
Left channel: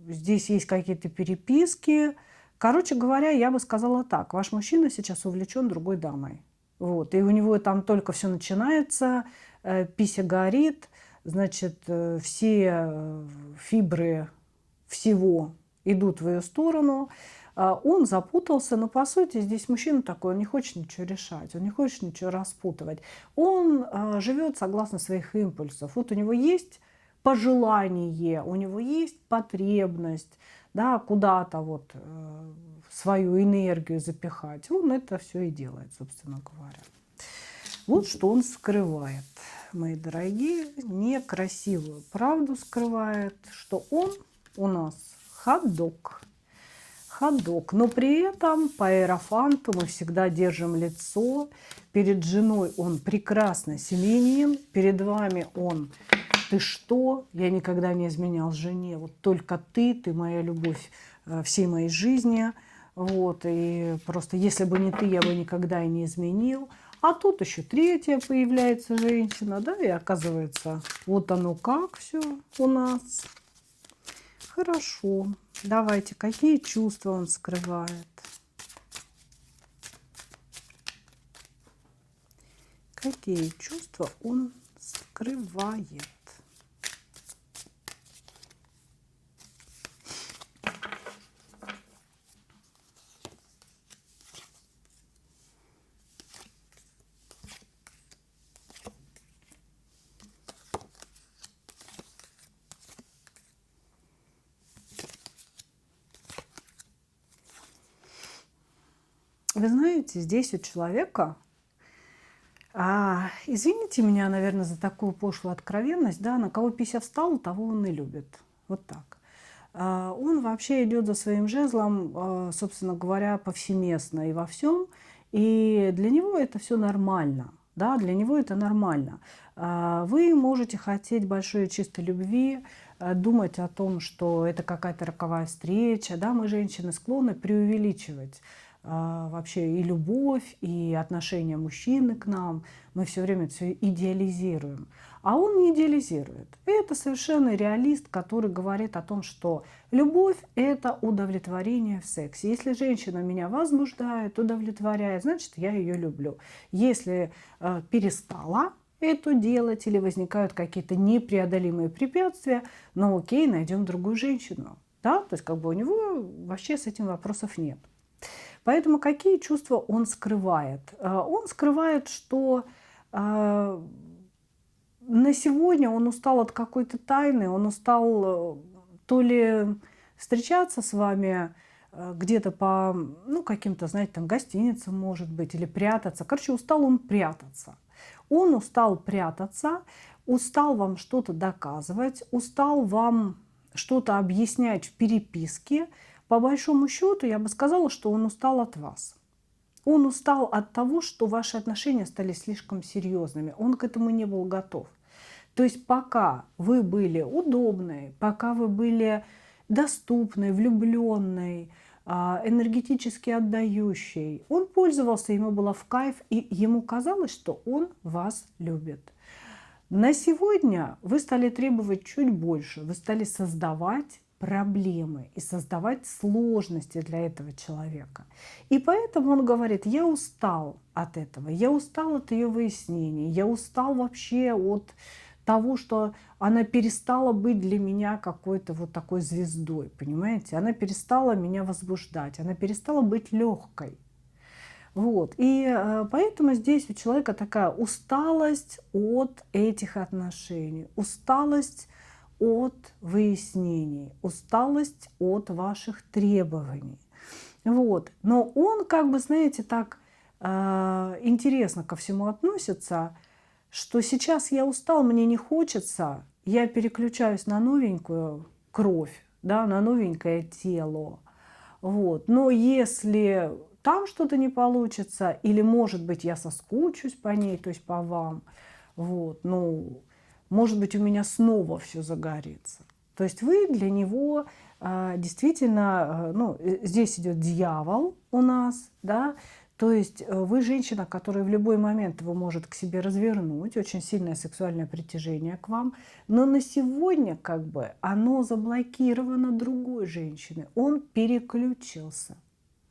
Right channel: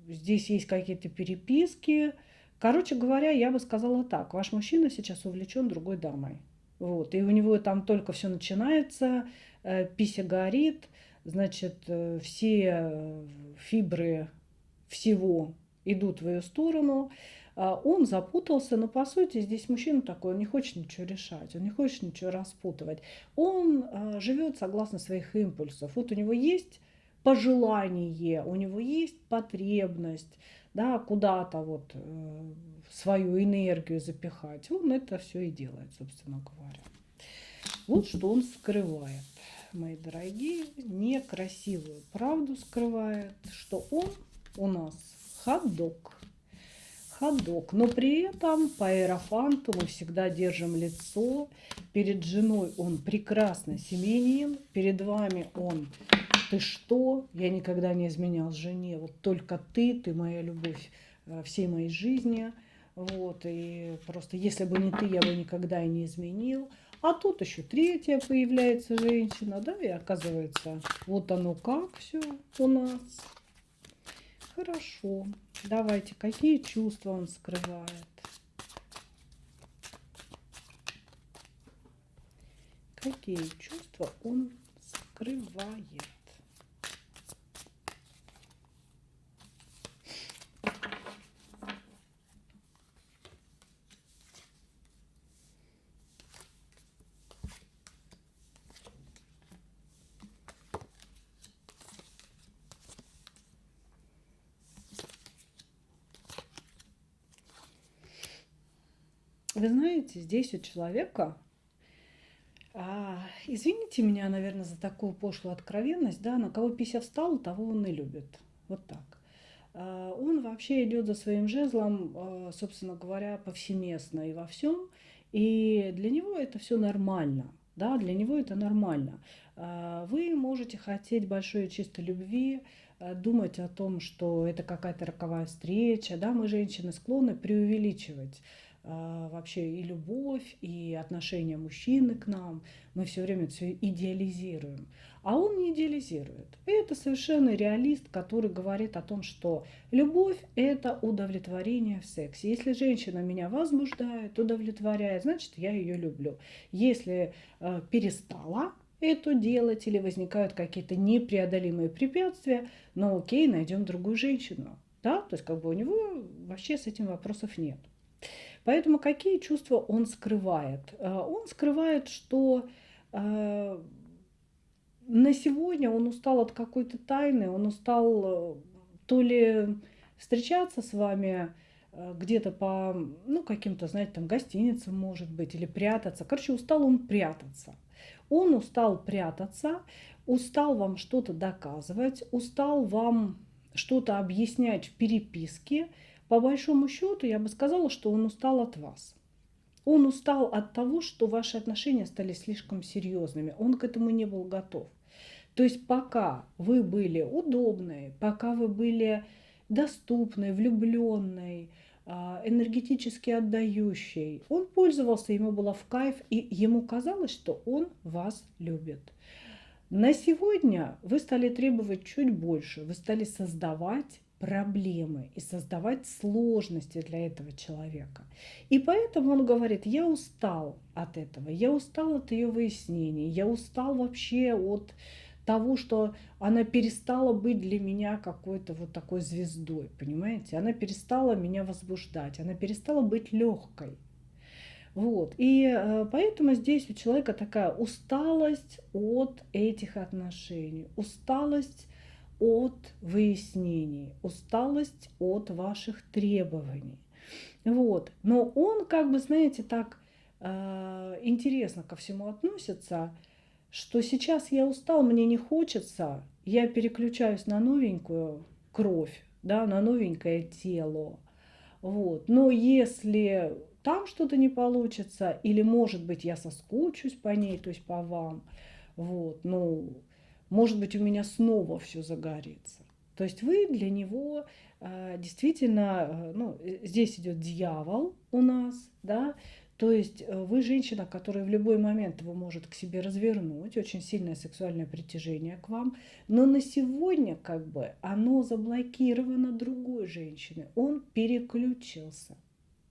Здесь есть какие-то переписки. Короче говоря, я бы сказала так. Ваш мужчина сейчас увлечен другой дамой. Вот. И у него там только все начинается, пися горит, значит, все фибры всего идут в ее сторону. Он запутался, но по сути здесь мужчина такой, он не хочет ничего решать, он не хочет ничего распутывать. Он живет согласно своих импульсов. Вот у него есть пожелание, у него есть потребность, да, куда-то вот свою энергию запихать. Он это все и делает, собственно говоря. Вот что он скрывает, мои дорогие, некрасивую правду скрывает, что он у нас ходок. Ходок. Но при этом по иерофанту мы всегда держим лицо. Перед женой он прекрасно семьянин, перед вами он: ты что? Я никогда не изменял жене. Вот только ты моя любовь всей моей жизни. Вот, и просто если бы не ты, я бы никогда и не изменил. А тут еще третья появляется женщина, да, и оказывается, вот оно как все у нас. Хорошо. Давайте, какие чувства он скрывает? Какие чувства он скрывает? Вы знаете, здесь у человека, извините меня, наверное, за такую пошлую откровенность, да, на кого пися встала, того он и любит. Вот так. Он вообще идет за своим жезлом, собственно говоря, повсеместно и во всем. И для него это все нормально. Да, для него это нормально. Вы можете хотеть большой чистой любви, думать о том, что это какая-то роковая встреча. Да, мы, женщины, склонны преувеличивать вообще и любовь, и отношение мужчины к нам. Мы все время все идеализируем. А он не идеализирует. Это совершенно реалист, который говорит о том, что любовь – это удовлетворение в сексе. Если женщина меня возбуждает, удовлетворяет, значит, я ее люблю. Если перестала это делать или возникают какие-то непреодолимые препятствия, ну окей, найдем другую женщину. Да? То есть как бы у него вообще с этим вопросов нет. Поэтому какие чувства он скрывает? Он скрывает, что на сегодня он устал от какой-то тайны, он устал то ли встречаться с вами где-то по каким-то, знаете, там гостиницам, может быть, или прятаться. Короче, устал он прятаться. Он устал прятаться, устал вам что-то доказывать, устал вам что-то объяснять в переписке. По большому счету, я бы сказала, что он устал от вас. Он устал от того, что ваши отношения стали слишком серьезными. Он к этому не был готов. То есть пока вы были удобной, пока вы были доступной, влюбленной, энергетически отдающей, он пользовался, ему было в кайф, и ему казалось, что он вас любит. На сегодня вы стали требовать чуть больше, вы стали создавать проблемы и создавать сложности для этого человека. И поэтому он говорит: я устал от этого, я устал от ее выяснений, я устал вообще от того, что она перестала быть для меня какой-то вот такой звездой, понимаете? Она перестала меня возбуждать, она перестала быть легкой. Вот. И поэтому здесь у человека такая усталость от этих отношений, усталость от выяснений, усталость от ваших требований. Вот. Но он, как бы, знаете, так интересно ко всему относится, что сейчас я устал, мне не хочется, я переключаюсь на новенькую кровь, да, на новенькое тело. Вот. Но если там что-то не получится, или, может быть, я соскучусь по ней, то есть по вам, вот, ну, может быть, у меня снова все загорится. То есть вы для него действительно, ну, здесь идет дьявол у нас, да, то есть вы женщина, которая в любой момент его может к себе развернуть, очень сильное сексуальное притяжение к вам, но на сегодня как бы оно заблокировано другой женщиной, он переключился.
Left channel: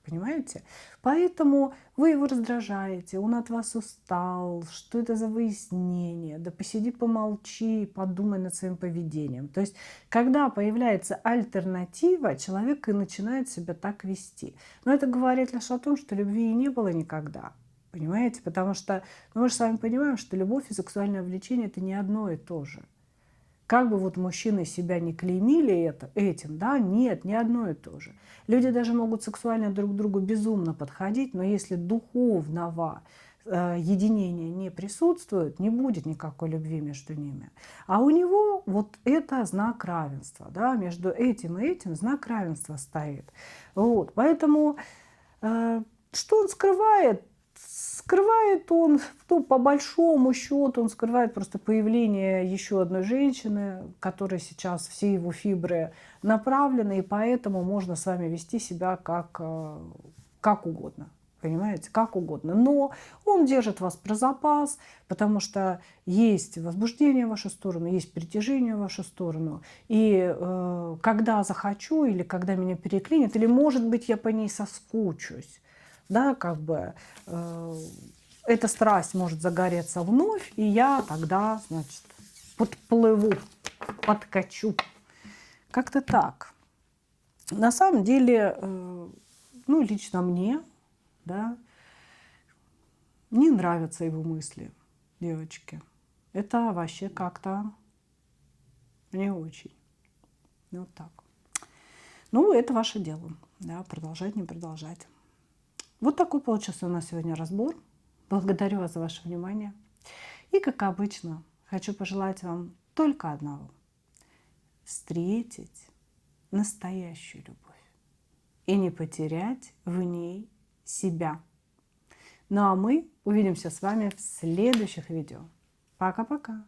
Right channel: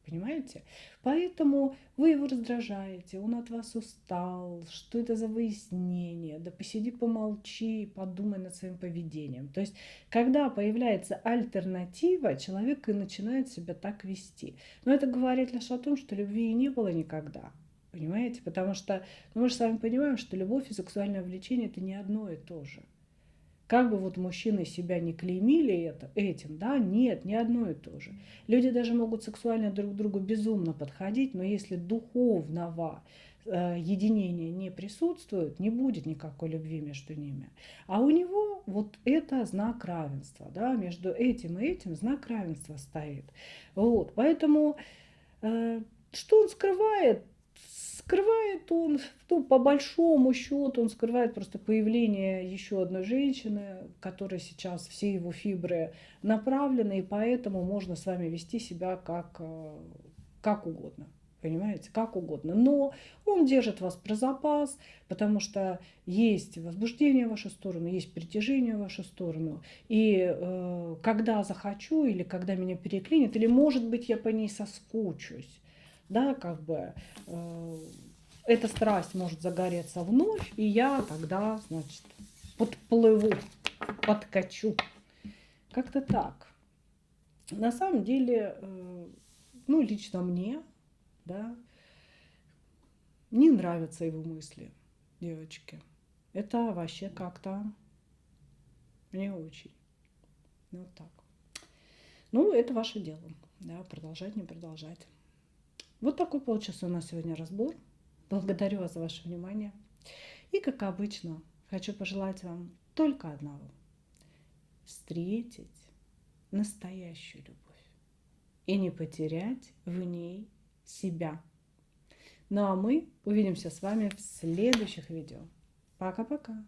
Понимаете? Поэтому вы его раздражаете, он от вас устал, что это за выяснение, да посиди, помолчи, подумай над своим поведением. То есть, когда появляется альтернатива, человек и начинает себя так вести. Но это говорит лишь о том, что любви и не было никогда. Понимаете? Потому что мы же с вами понимаем, что любовь и сексуальное влечение – это не одно и то же. Как бы вот мужчины себя не клеймили этим, да, нет, не одно и то же. Люди даже могут сексуально друг к другу безумно подходить, но если духовного единения не присутствует, не будет никакой любви между ними. А у него вот это знак равенства, да, между этим и этим знак равенства стоит. Вот, поэтому что он скрывает? Скрывает он, ну, по большому счету, он скрывает просто появление еще одной женщины, которой сейчас все его фибры направлены, и поэтому можно с вами вести себя как угодно. Понимаете, как угодно. Но он держит вас про запас, потому что есть возбуждение в вашу сторону, есть притяжение в вашу сторону. И когда захочу, или когда меня переклинит, или, может быть, я по ней соскучусь, да, как бы эта страсть может загореться вновь, и я тогда, значит, подплыву, подкачу. Как-то так. На самом деле, ну, лично мне, да, не нравятся его мысли, девочки. Это вообще как-то не очень. Вот так. Ну, это ваше дело, да, продолжать, не продолжать. Вот такой получился у нас сегодня разбор. Благодарю вас за ваше внимание. И, как обычно, хочу пожелать вам только одного. Встретить настоящую любовь и не потерять в ней себя. Ну а мы увидимся с вами в следующих видео. Пока-пока.